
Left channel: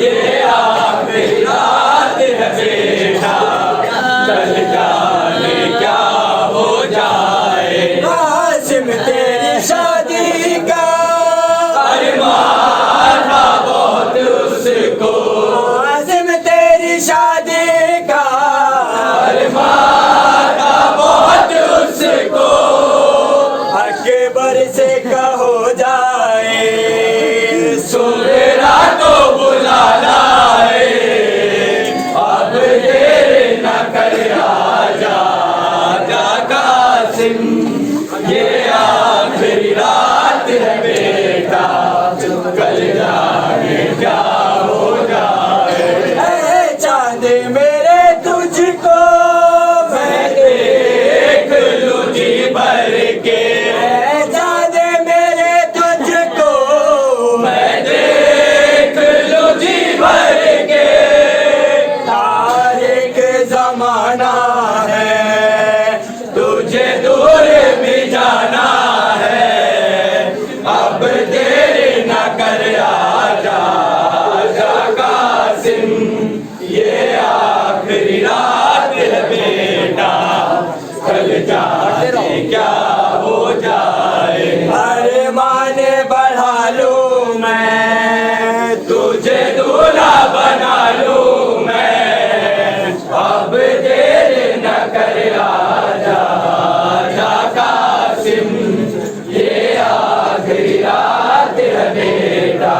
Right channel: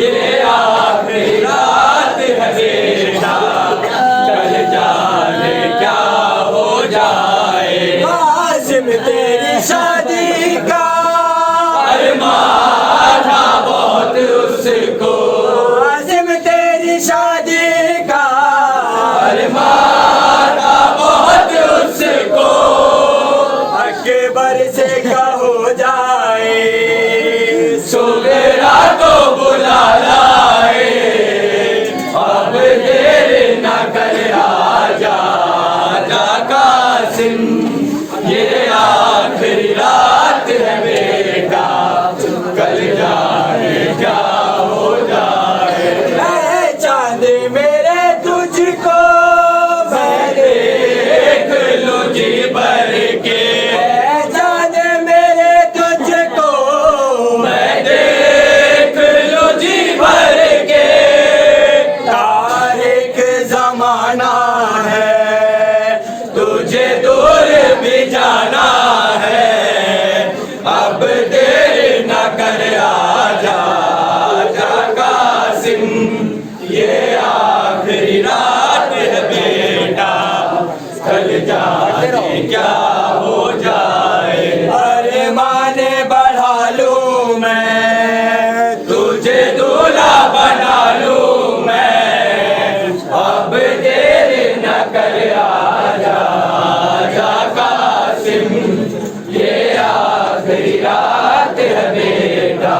ये आखिरी रात है बेटा, कल जाने क्या हो जाए। कासिम तेरी शादी का अरमान था बहुत उसको, कासिम तेरी शादी का अरमान था बहुत उसको। अकबर से कहो जाए, सवेरा तो बुला लाए, अब देर न कर आजा आजा कासिम, ये आखिरी रात है बेटा, कल जाने क्या हो जाए। चांद मेरे तुझको मैं देख लूं जी भर के, चांद मेरे तुझको मैं देख लूं जी भर के। तारीख जमाना है, तुझे दूर भी जाना है, अब देर न कर आजा आजा कासिम, ये आखिरी रात है बेटा, कल जाने क्या हो जाए। अरे माने बढ़ा लूं मैं, तुझे दूल्हा बना लूं मैं, अब देर न कर आजा आजा कासिम, ये आखिरी रात है बेटा,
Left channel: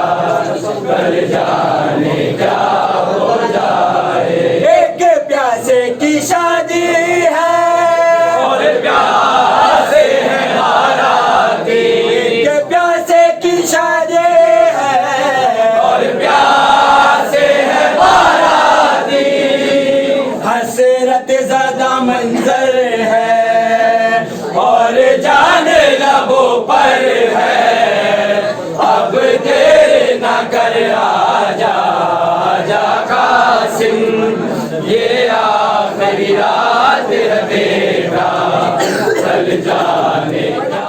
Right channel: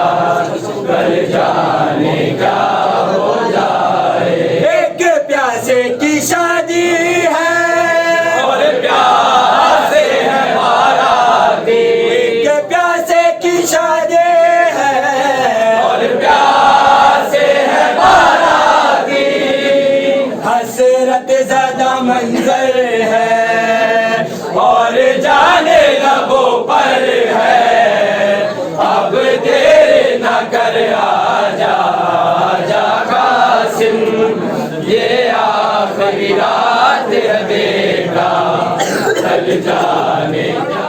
कल जाने क्या हो जाए। एक प्यासे की शादी है और प्यासे है बाराती, एक प्यासे की शादी है और प्यासे है बाराती। हसरत ज़दा मंजर है और जान लबों पर है, अब देर न कर आजा आजा कासिम, ये आखिरी रात है बेटा, कल जाने क्या।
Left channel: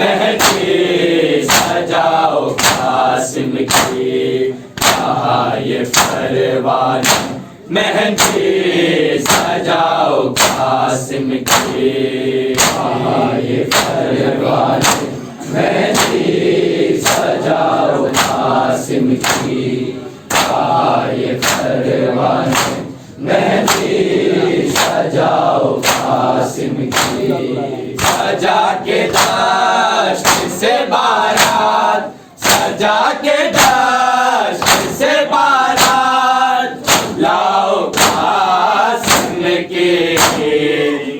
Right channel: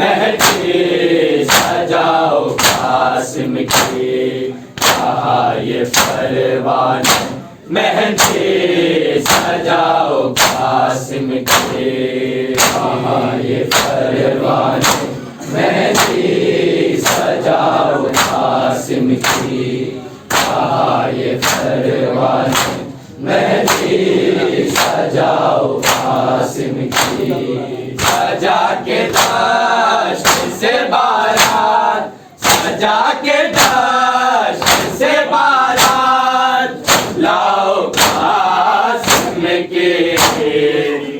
मेहंदी सजाओ कासिम की, कहा ये परवाने मेहंदी सजाओ कासिम की, कहा ये परवाने मेहंदी सजाओ कासिम की, कहा ये परवाने मेहंदी सजाओ कासिम की। सजा के दश्त से बारात, सजा के दश्त से बारात, लाओ कासिम के,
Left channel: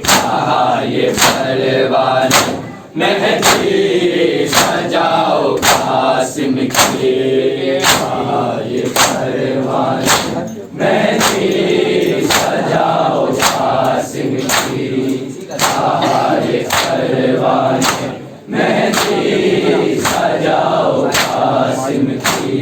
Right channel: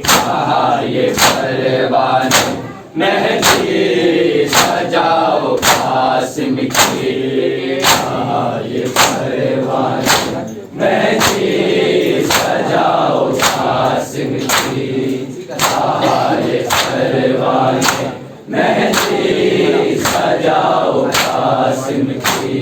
कहा ये परवाने मेहंदी सजाओ कासिम की, कहा ये परवाने मेहंदी सजाओ कासिम की, कहा ये परवाने मेहंदी सजाओ कासिम की।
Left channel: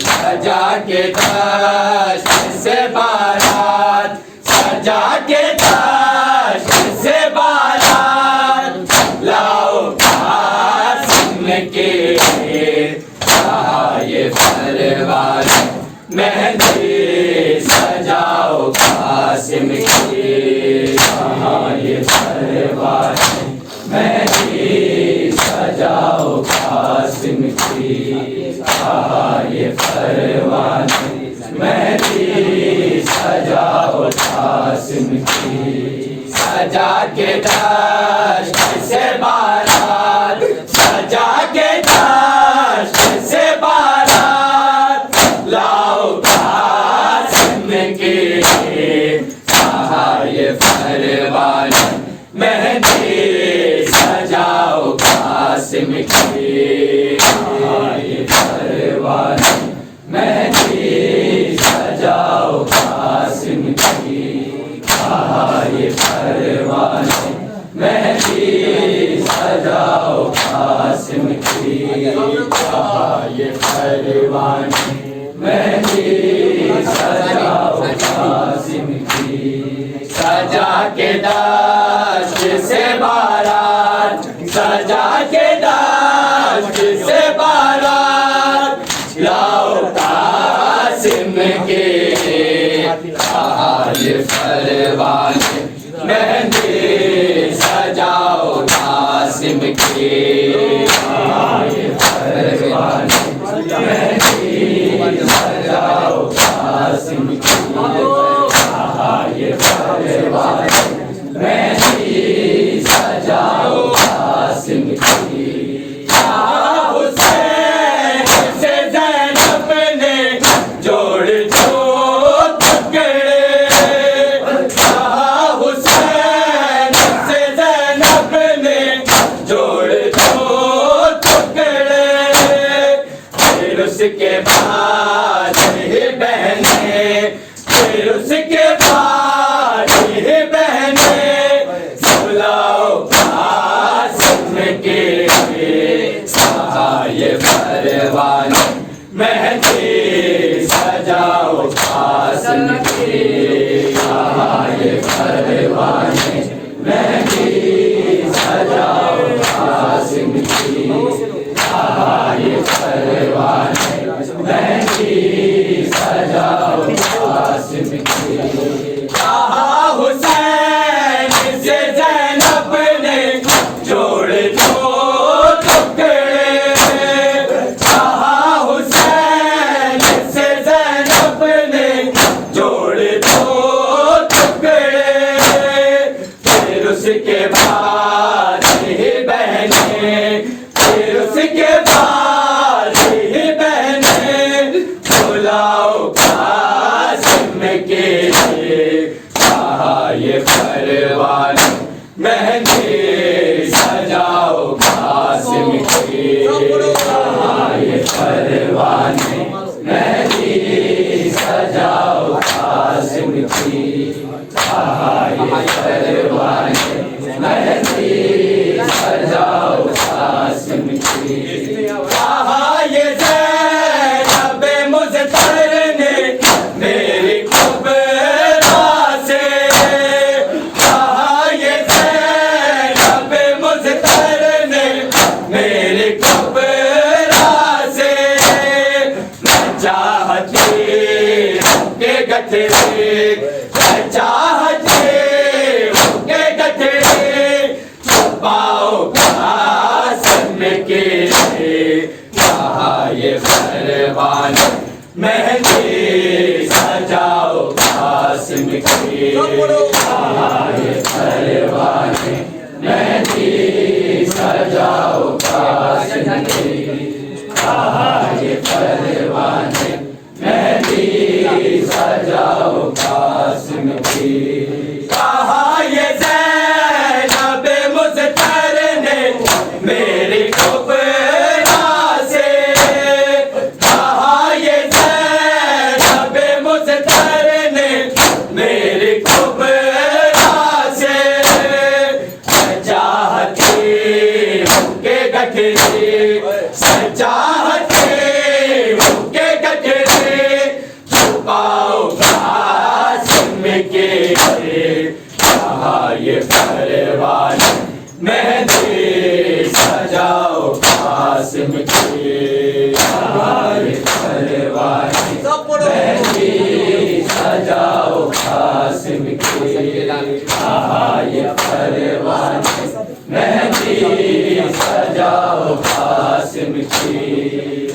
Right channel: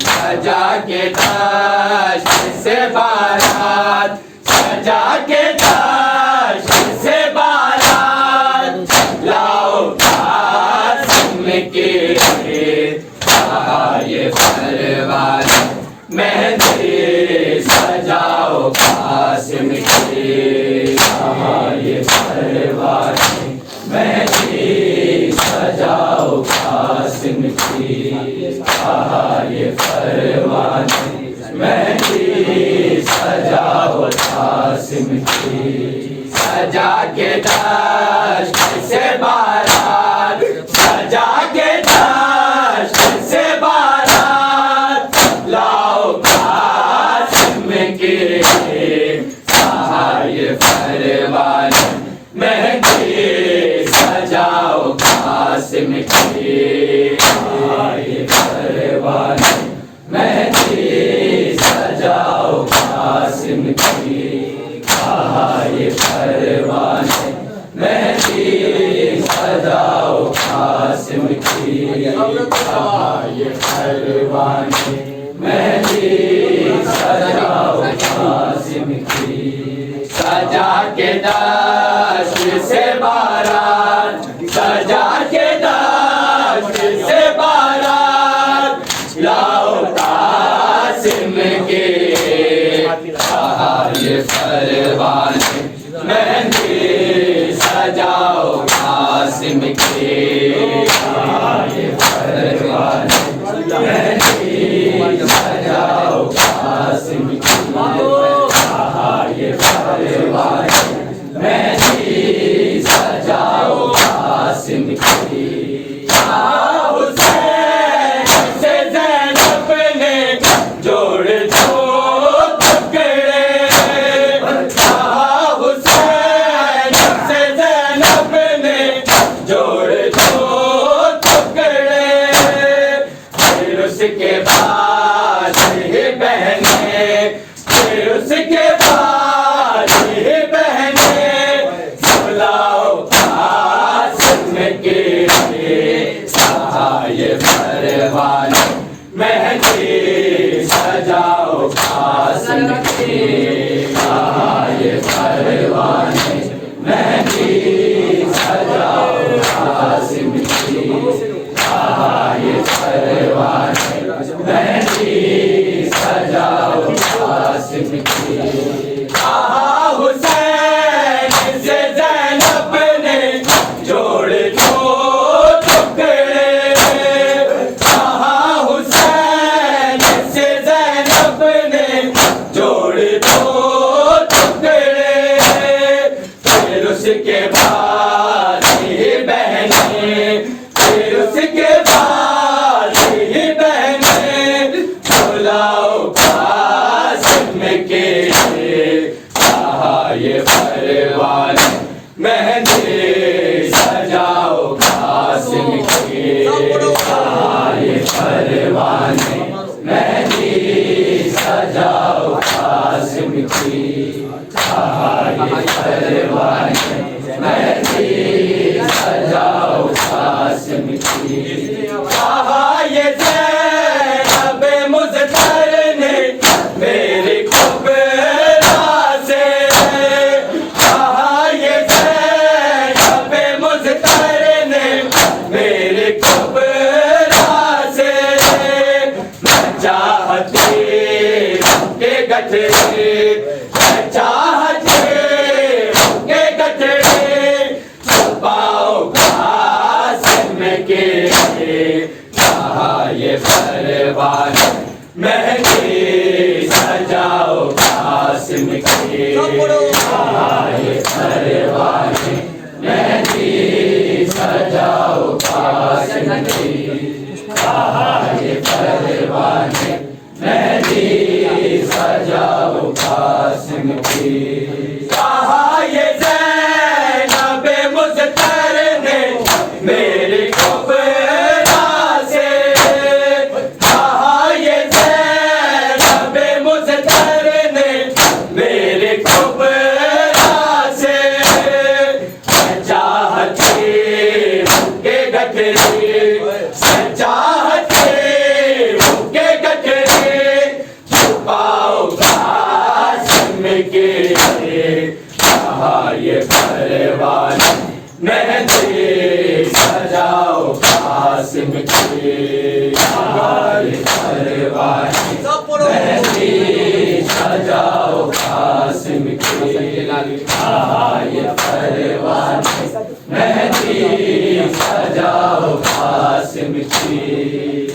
सजा के दश्त से बारात, सजा के दश्त से बारात, लाओ कासिम के, कहा ये परवाने मेहंदी सजाओ कासिम की, कहा ये परवाने मेहंदी सजाओ कासिम की, कहा ये परवाने मेहंदी सजाओ कासिम की। सजा के दश्त से बारात, सजा के दश्त से बारात, लाओ कासिम के, कहा ये परवाने मेहंदी सजाओ कासिम की, कहा ये परवाने मेहंदी सजाओ कासिम की, कहा ये परवाने मेहंदी सजाओ कासिम की, कहा ये परवाने मेहंदी सजाओ कासिम की। सजा के दश्त से बारात, सजा के दश्त से बारात, लाओ कासिम के, कहा ये परवाने मेहंदी सजाओ कासिम की, कहा ये परवाने मेहंदी सजाओ कासिम की, कहा ये परवाने मेहंदी सजाओ कासिम की। कहा हुसैन से ज़ैनब ने जोड़ दो टुकड़े, कहा हुसैन से ज़ैनब ने जोड़ दो टुकड़े, फिर उसके बाद ही बहने, फिर उसके बाद ही बहने, बुलाओ कासिम के, कहा ये परवाने मेहंदी सजाओ कासिम की, कहा ये परवाने मेहंदी सजाओ कासिम की, कहा ये परवाने मेहंदी सजाओ कासिम की। कहा हुसैन से ज़ैनब ने जोड़ दो टुकड़े, कहा हुसैन से ज़ैनब ने जोड़ दो टुकड़े, फिर उसके बाद ही बहने, फिर उसके बाद ही बहने, बुलाओ कासिम के, कहा ये परवाने मेहंदी सजाओ कासिम की, कहा ये परवाने मेहंदी सजाओ कासिम की, कहा ये परवाने मेहंदी सजाओ कासिम की। कहा ये ज़ैनब मुज़फ़्फ़र ने मेरी कुबरा से, कहा ये ज़ैनब मुज़फ़्फ़र ने गठे चाहते होके गठे छुपाओ कासिम के कहा ये परवान मेहंदी सजाओ कासिम की कहा ये परवान मेहंदी सजाओ कासिम की कहा ये परवान मेहंदी सजाओ कासिम की कहा ये ज़ैनब मुज़्फ़र ने मेरी कुबरा से कहा ये ज़ैनब मुज़्फ़र ने मेरी कुबरा से चाहती के गठरी चाहते होके गठरी छुपाओ कासिम के कहा ये परवान मेहंदी सजाओ कासिम की कहा ये परवान मेहंदी सजाओ कासिम की कहा ये परवान मेहंदी सजाओ कासिम की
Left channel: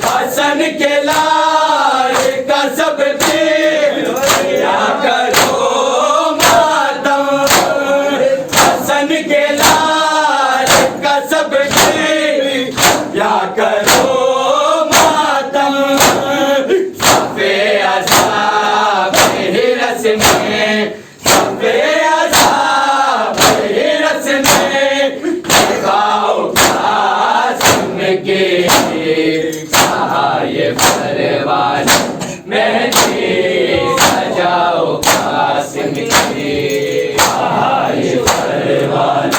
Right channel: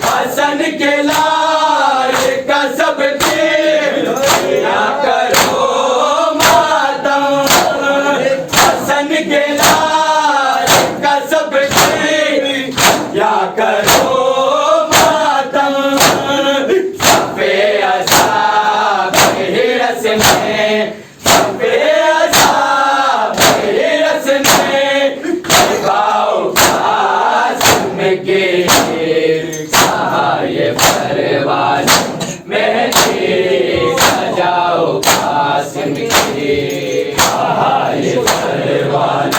हसन के लाल का सब क्या करो मातम हसन के लाल का सब क्या करो मातम सफे असाब हिरस में सफे असाब हिरस में लगाओ कासिम के कहा ये परवान मेहंदी सजाओ कासिम की कहा ये परवान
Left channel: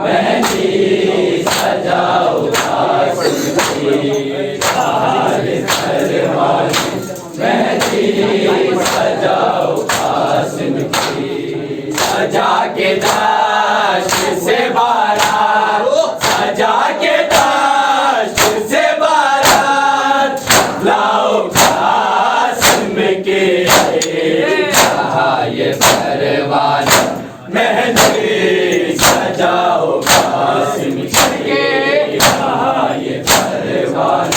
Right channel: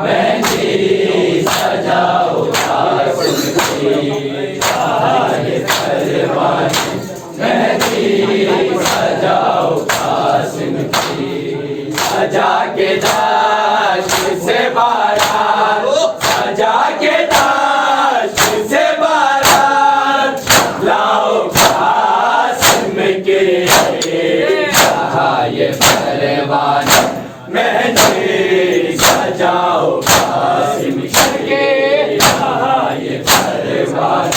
मेहंदी सजाओ कासिम की कहा ये परवान मेहंदी सजाओ कासिम की सजा के दाश्त से बारात सजा के दाश्त से बारात लाओ कासिम के कहा ये परवान मेहंदी सजाओ कासिम की कहा ये परवान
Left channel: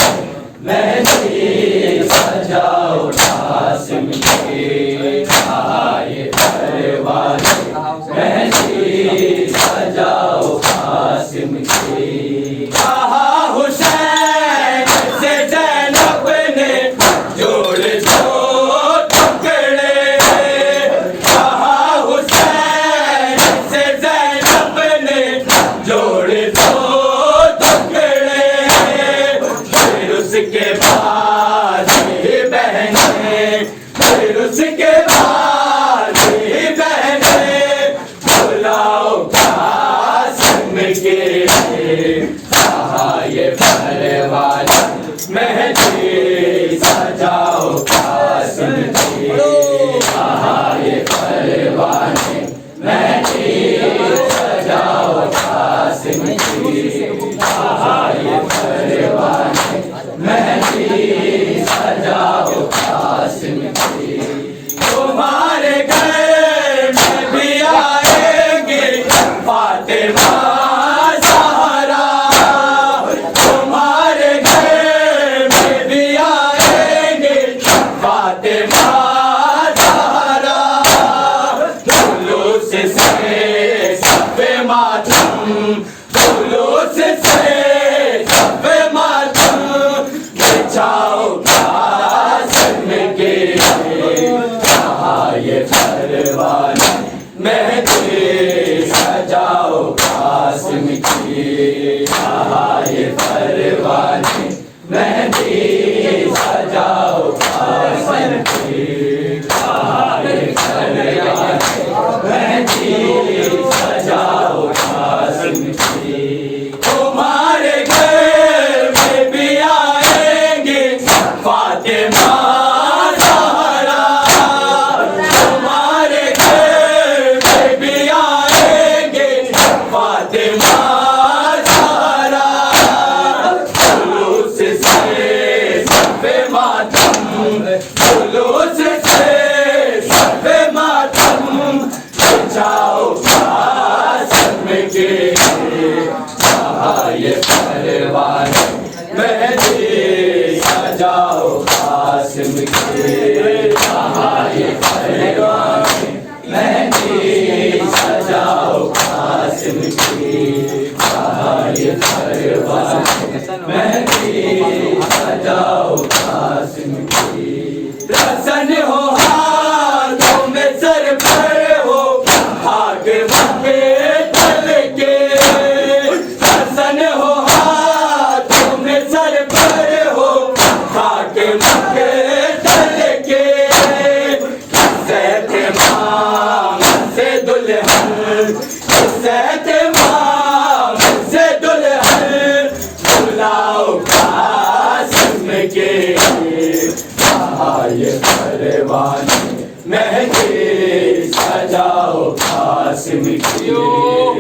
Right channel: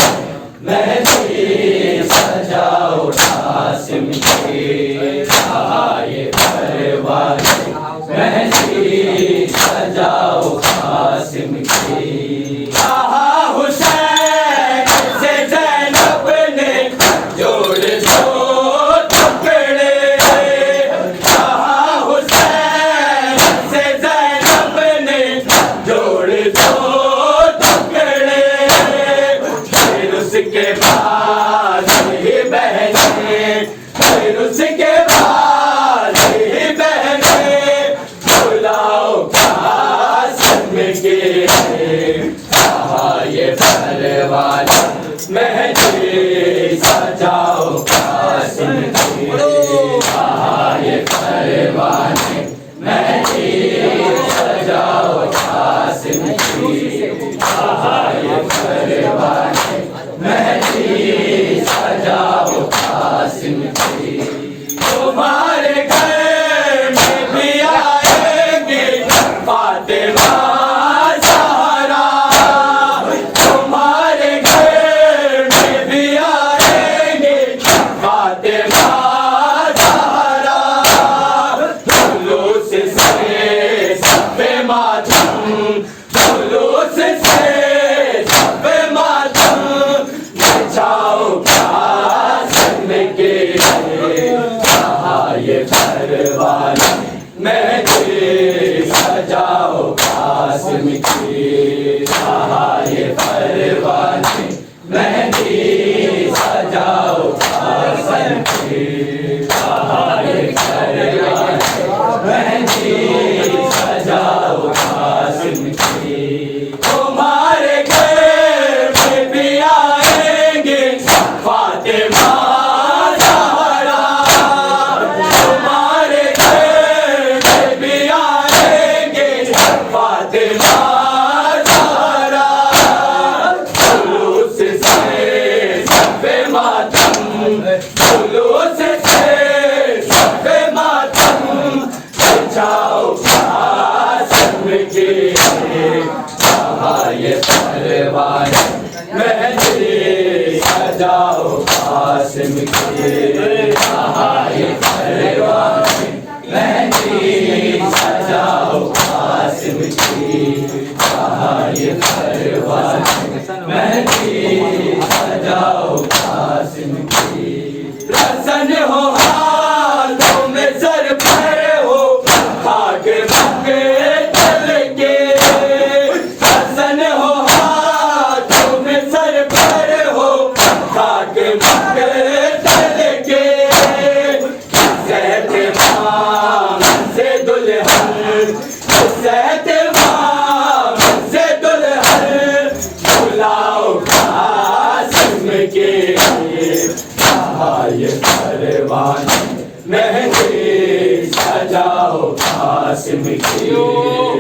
मेहंदी सजाओ कासिम की कहा ये परवान मेहंदी सजाओ कासिम की कहा हुसैन से ज़ैनब ने जोड़ दो टुकड़े कहा हुसैन से ज़ैनब ने जोड़ दो टुकड़े फिर उसके बाद ही बहनें फिर उसके बाद ही बहनें बुलाओ कासिम के कहा ये परवान मेहंदी सजाओ कासिम की कहा ये परवान मेहंदी सजाओ कासिम की कहा ये परवान मेहंदी सजाओ कासिम की तुम्हारे घर में भी आएंगे फातिमा ज़हरा तुम्हारे घर में भी आएंगे फातिमा ज़हरा जुलूस से सफ़े मातम जुलूस से सफ़े मातम बिछाओ कासिम के कहा ये परवान मेहंदी सजाओ कासिम की कहा ये परवान मेहंदी सजाओ कासिम की कहा ये परवान मेहंदी सजाओ कासिम की तुम्हारे घर में भी आएंगे फातिमा ज़हरा तुम्हारे घर में भी आएंगे फातिमा ज़हरा जुलूस से कासिम की कहा ये परवाने मेहंदी सजाओ कासिम की कहा ये परवाने मेहंदी सजाओ कासिम की प्रसन्न हो हाथों में सर पर हो आगे मक्के चल के प्रसन्न हो हाथों में सर पर हो आगे मक्के चल के सैते माम से दुल्हन सैते माम से दुल्हन बुलाओ कासिम के कहा ये परवाने मेहंदी सजाओ कासिम की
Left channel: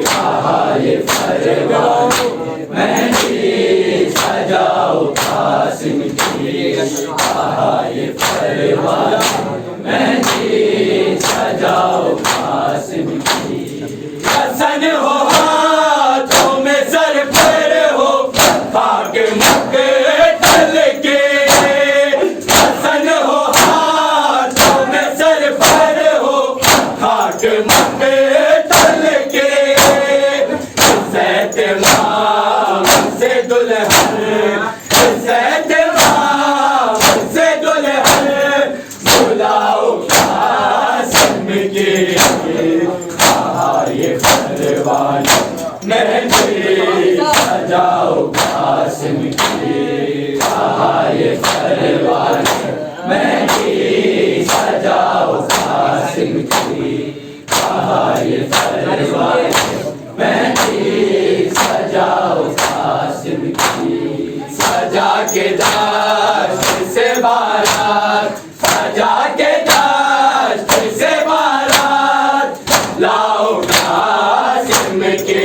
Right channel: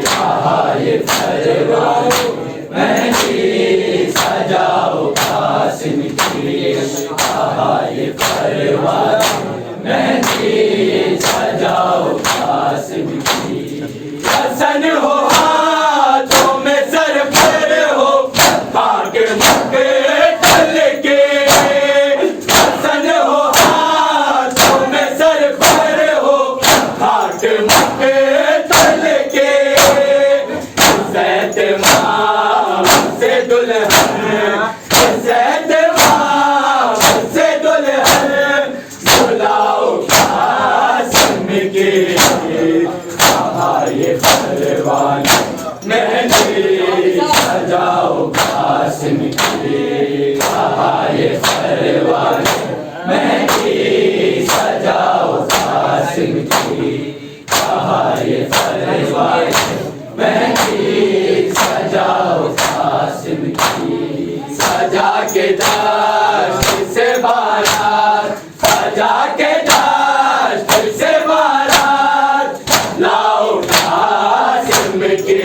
कहा ये परवाने मेहंदी सजाओ कासिम की कहा ये परवाने मेहंदी सजाओ कासिम की प्रसन्न हो हाथों में सर पर हो आगे मक्के चल के प्रसन्न हो हाथों में सर पर हो आगे मक्के चल के सैते माम से दुल्हन सैते माम से दुल्हन बुलाओ कासिम के कहा ये परवाने मेहंदी सजाओ कासिम की कहा ये परवाने मेहंदी सजाओ कासिम की कहा ये परवाने मेहंदी सजाओ कासिम की सजा के दाश्त से बारात सजा के दाश्त से बारात लाओ कासिम के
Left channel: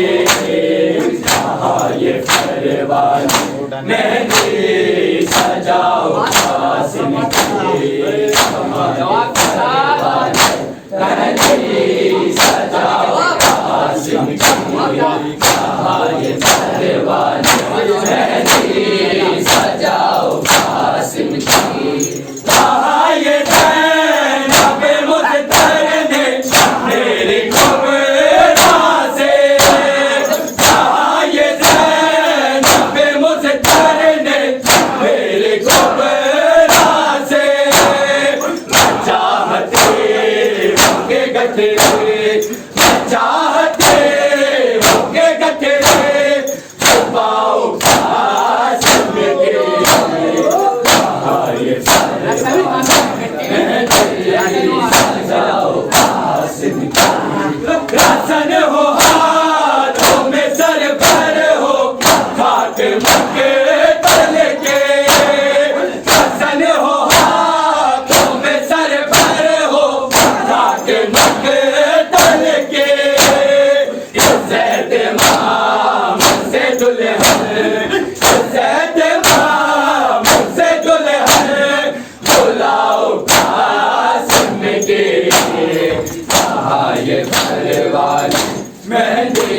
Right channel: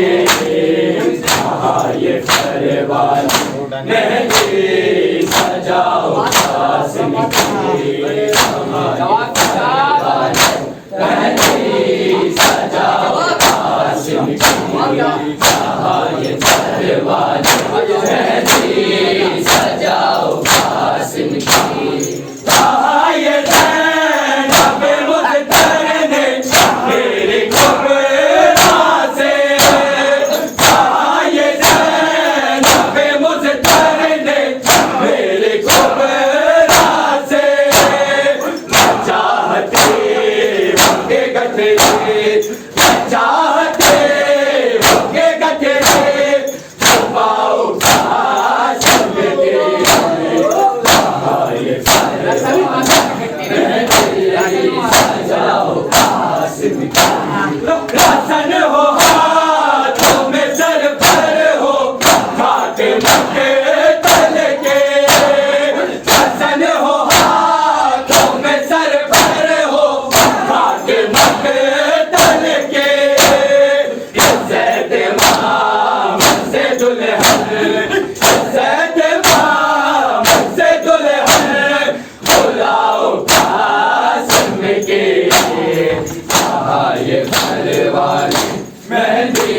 कहा ये परवाने मेहंदी सजाओ कासिम की कहा ये परवाने मेहंदी सजाओ कासिम की कहा ये परवाने मेहंदी सजाओ कासिम की कहा ये ज़ैनब मुज़फ़्फ़र ने मेरे क़ुबरा से कहा ये ज़ैनब मुज़फ़्फ़र ने मेरे क़ुबरा से चाहते होंगे गठे चाहते होंगे गठे छुपाओ कासिम के कहा ये मेहंदी सजाओ कासिम की प्रसन्न हो हाथों में सर पर हो खाके मक्के चल के प्रसन्न हो हाथों में सर पर हो खाके मक्के चल के सैते माम से दुल्हन सैते माम से दुल्हन बुलाओ कासिम के कहा ये परवाने मेहंदी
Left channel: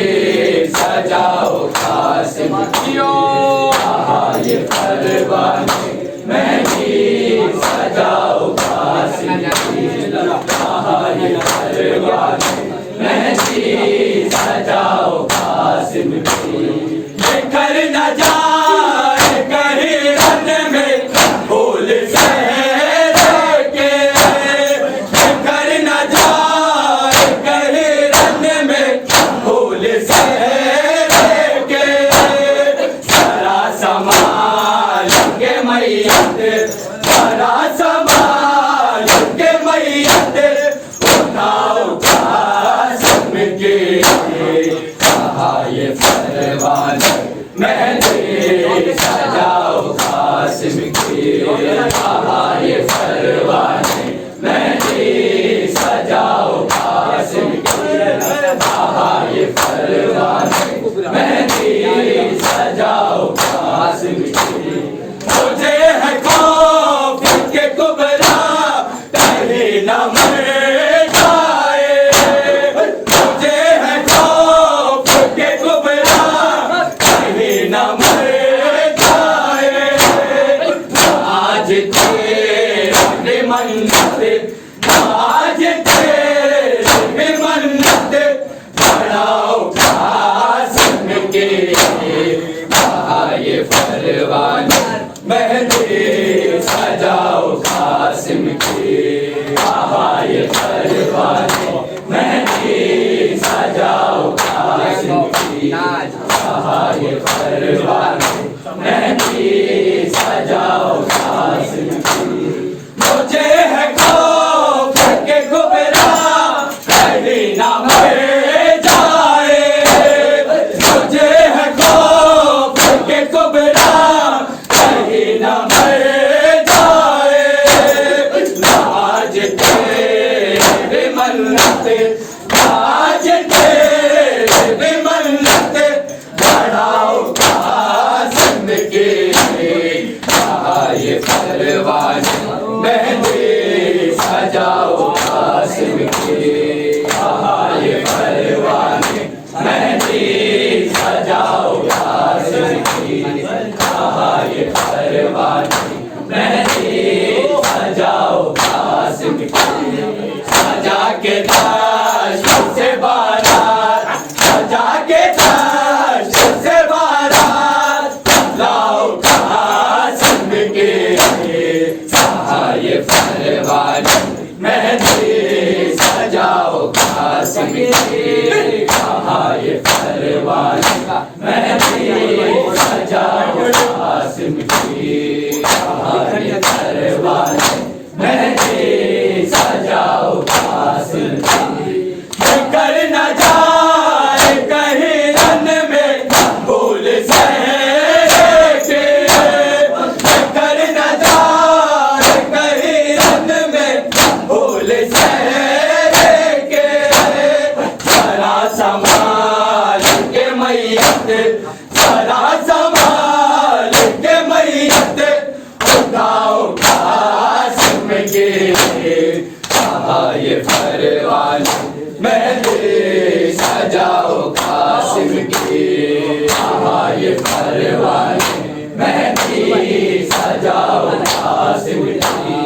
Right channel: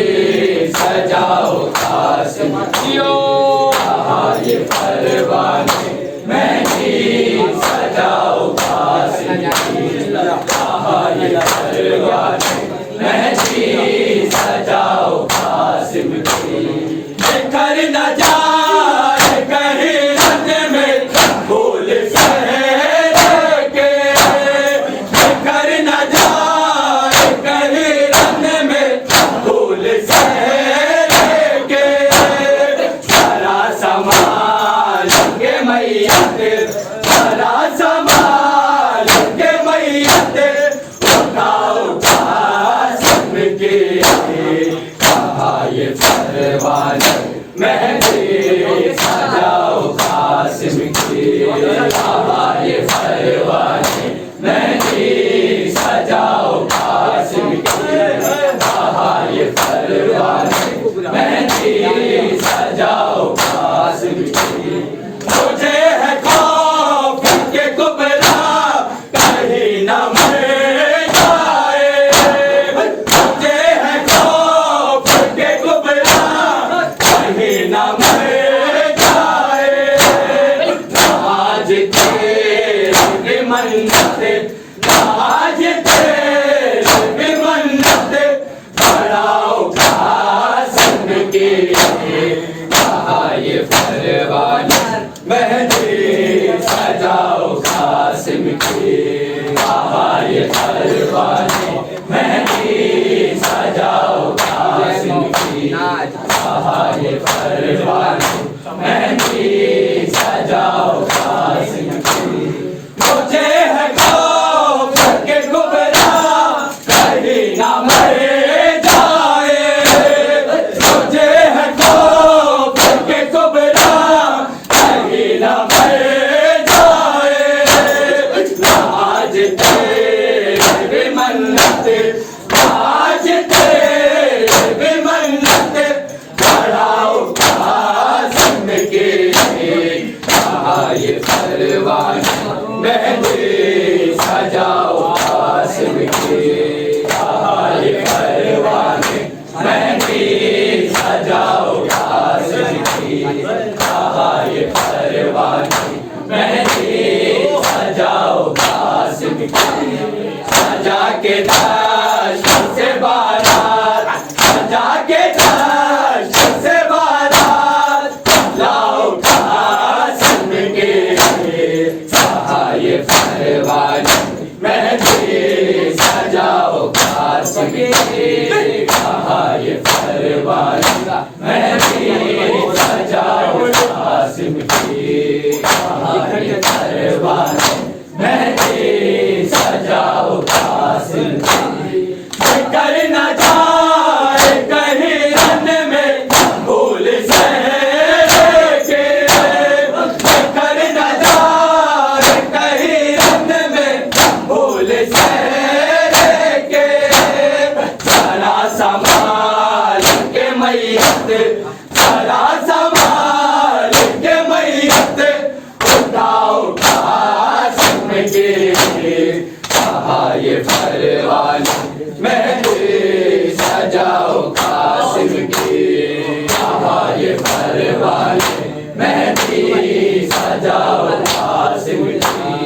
सजाओ कासिम की कहा ये परवाने मेहंदी सजाओ कासिम की कहा ये परवाने मेहंदी सजाओ कासिम की घर न जाए कहीं रन में फूल सहरे के घर न जाए कहीं रन में फूल सहरे के सारा संभालेंगे मैयत सारा संभालेंगे मैयत उठाओ कासिम की परवाने मेहंदी सजाओ कासिम की ये परवाने मेहंदी सजाओ कासिम की ये परवाने मेहंदी सजाओ कासिम की मुझे है खौफ के कुबरा कहीं ना मर जाए मुझे है खौफ के कुबरा कहीं ना मर जाए आज तेरे मन्नत आज तेरे मन्नत बढ़ाओ कासिम के ये परवाने मेहंदी सजाओ कासिम की ये परवाने मेहंदी सजाओ कासिम की ये परवाने मेहंदी सजाओ कासिम की सजा के दश्त से बारात सजा के दश्त से बारात लाओ कासिम के ये परवाने मेहंदी सजाओ कासिम की ये परवाने मेहंदी सजाओ कासिम की ये परवाने मेहंदी सजाओ कासिम की कर न जाए कहीं रन में भूल सहरे के कर न जाए कहीं रन में भूल सहरे के सारा संभाल के मैयत सारा संभाल के मैयत उठाओ कासिम के ये परवाने मेहंदी सजाओ कासिम की ये परवाने मेहंदी सजाओ कासिम की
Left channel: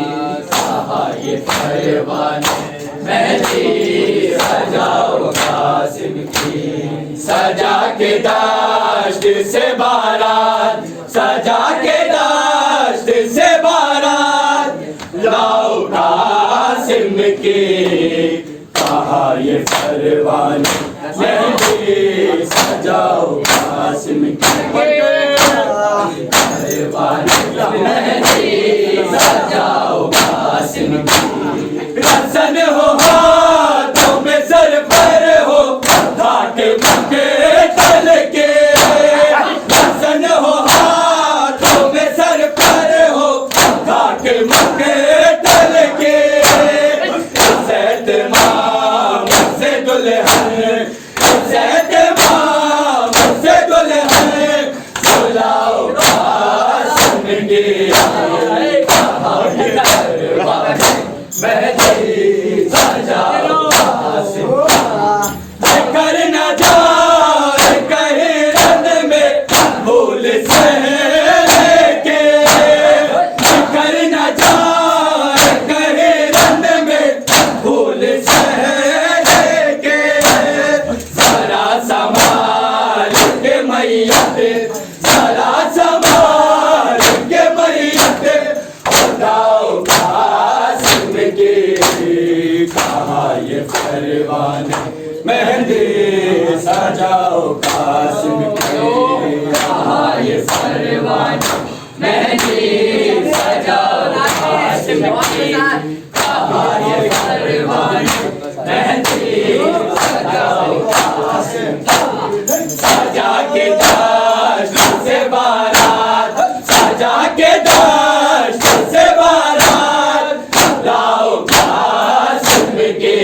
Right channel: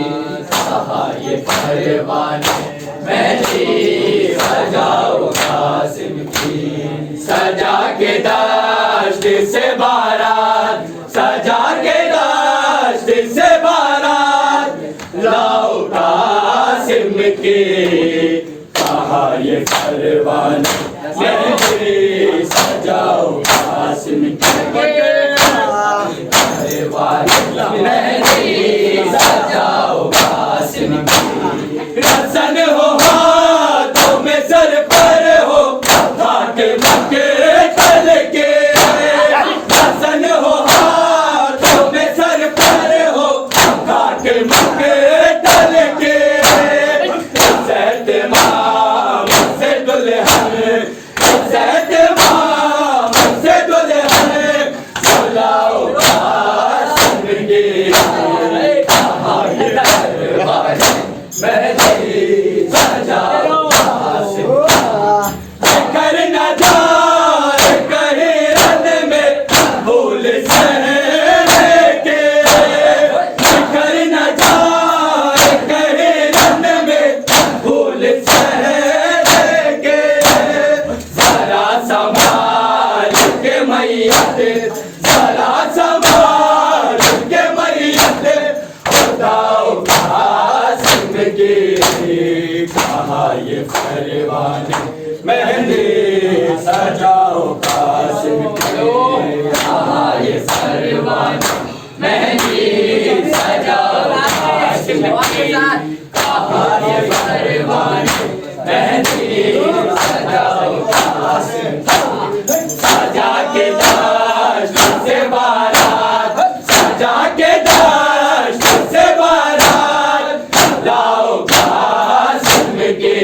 ये परवाने मेहंदी सजाओ कासिम की सजा के दश्त से बारात सजा के दश्त से बारात लाओ कासिम के ये परवाने मेहंदी सजाओ कासिम की परवाने मेहंदी सजाओ कासिम की रसन हो हाथों में सर पर हो घाट मके तल के रसन हो हाथों में सर पर हो घाट मके तल के इज़्ज़त माम से दुल्हन इज़्ज़त माम से दुल्हन बुलाओ कासिम के मेहंदी सजाओ कासिम कर न जाए कहीं रन में भूल सहरे के कर न जाए कहीं रन में भूल सहरे के जरा संभाल के मैयत जरा संभाल के मैयत उठाओ कासिम के ये परवाने मेहंदी सजाओ कासिम की ये परवाने मेहंदी सजाओ कासिम की ये परवाने मेहंदी सजाओ कासिम सजा के दश्त से बारात सजा के दश्त से बारात लाओ कासिम के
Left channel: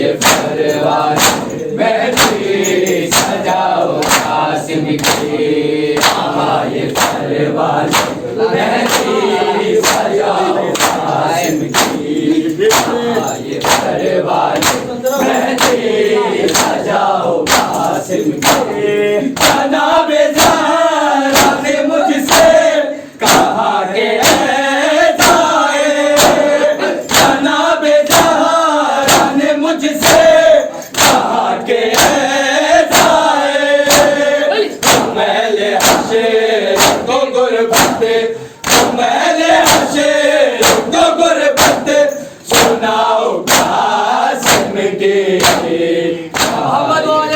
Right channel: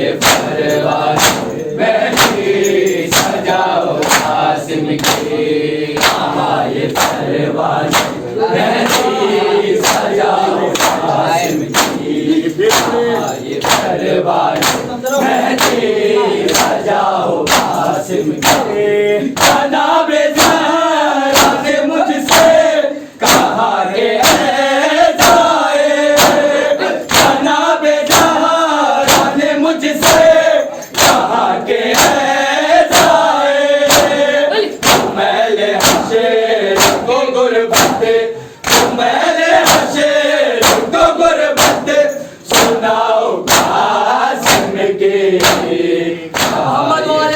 ये परवाने मेहंदी सजाओ कासिम की ये परवाने मेहंदी सजाओ कासिम की ये परवाने मेहंदी सजाओ कासिम की जाना बेजारा से मुझसे कहा के जाए जाना बेजारा ने मुझसे कहा के जाए मैंने हशे मोहम्मद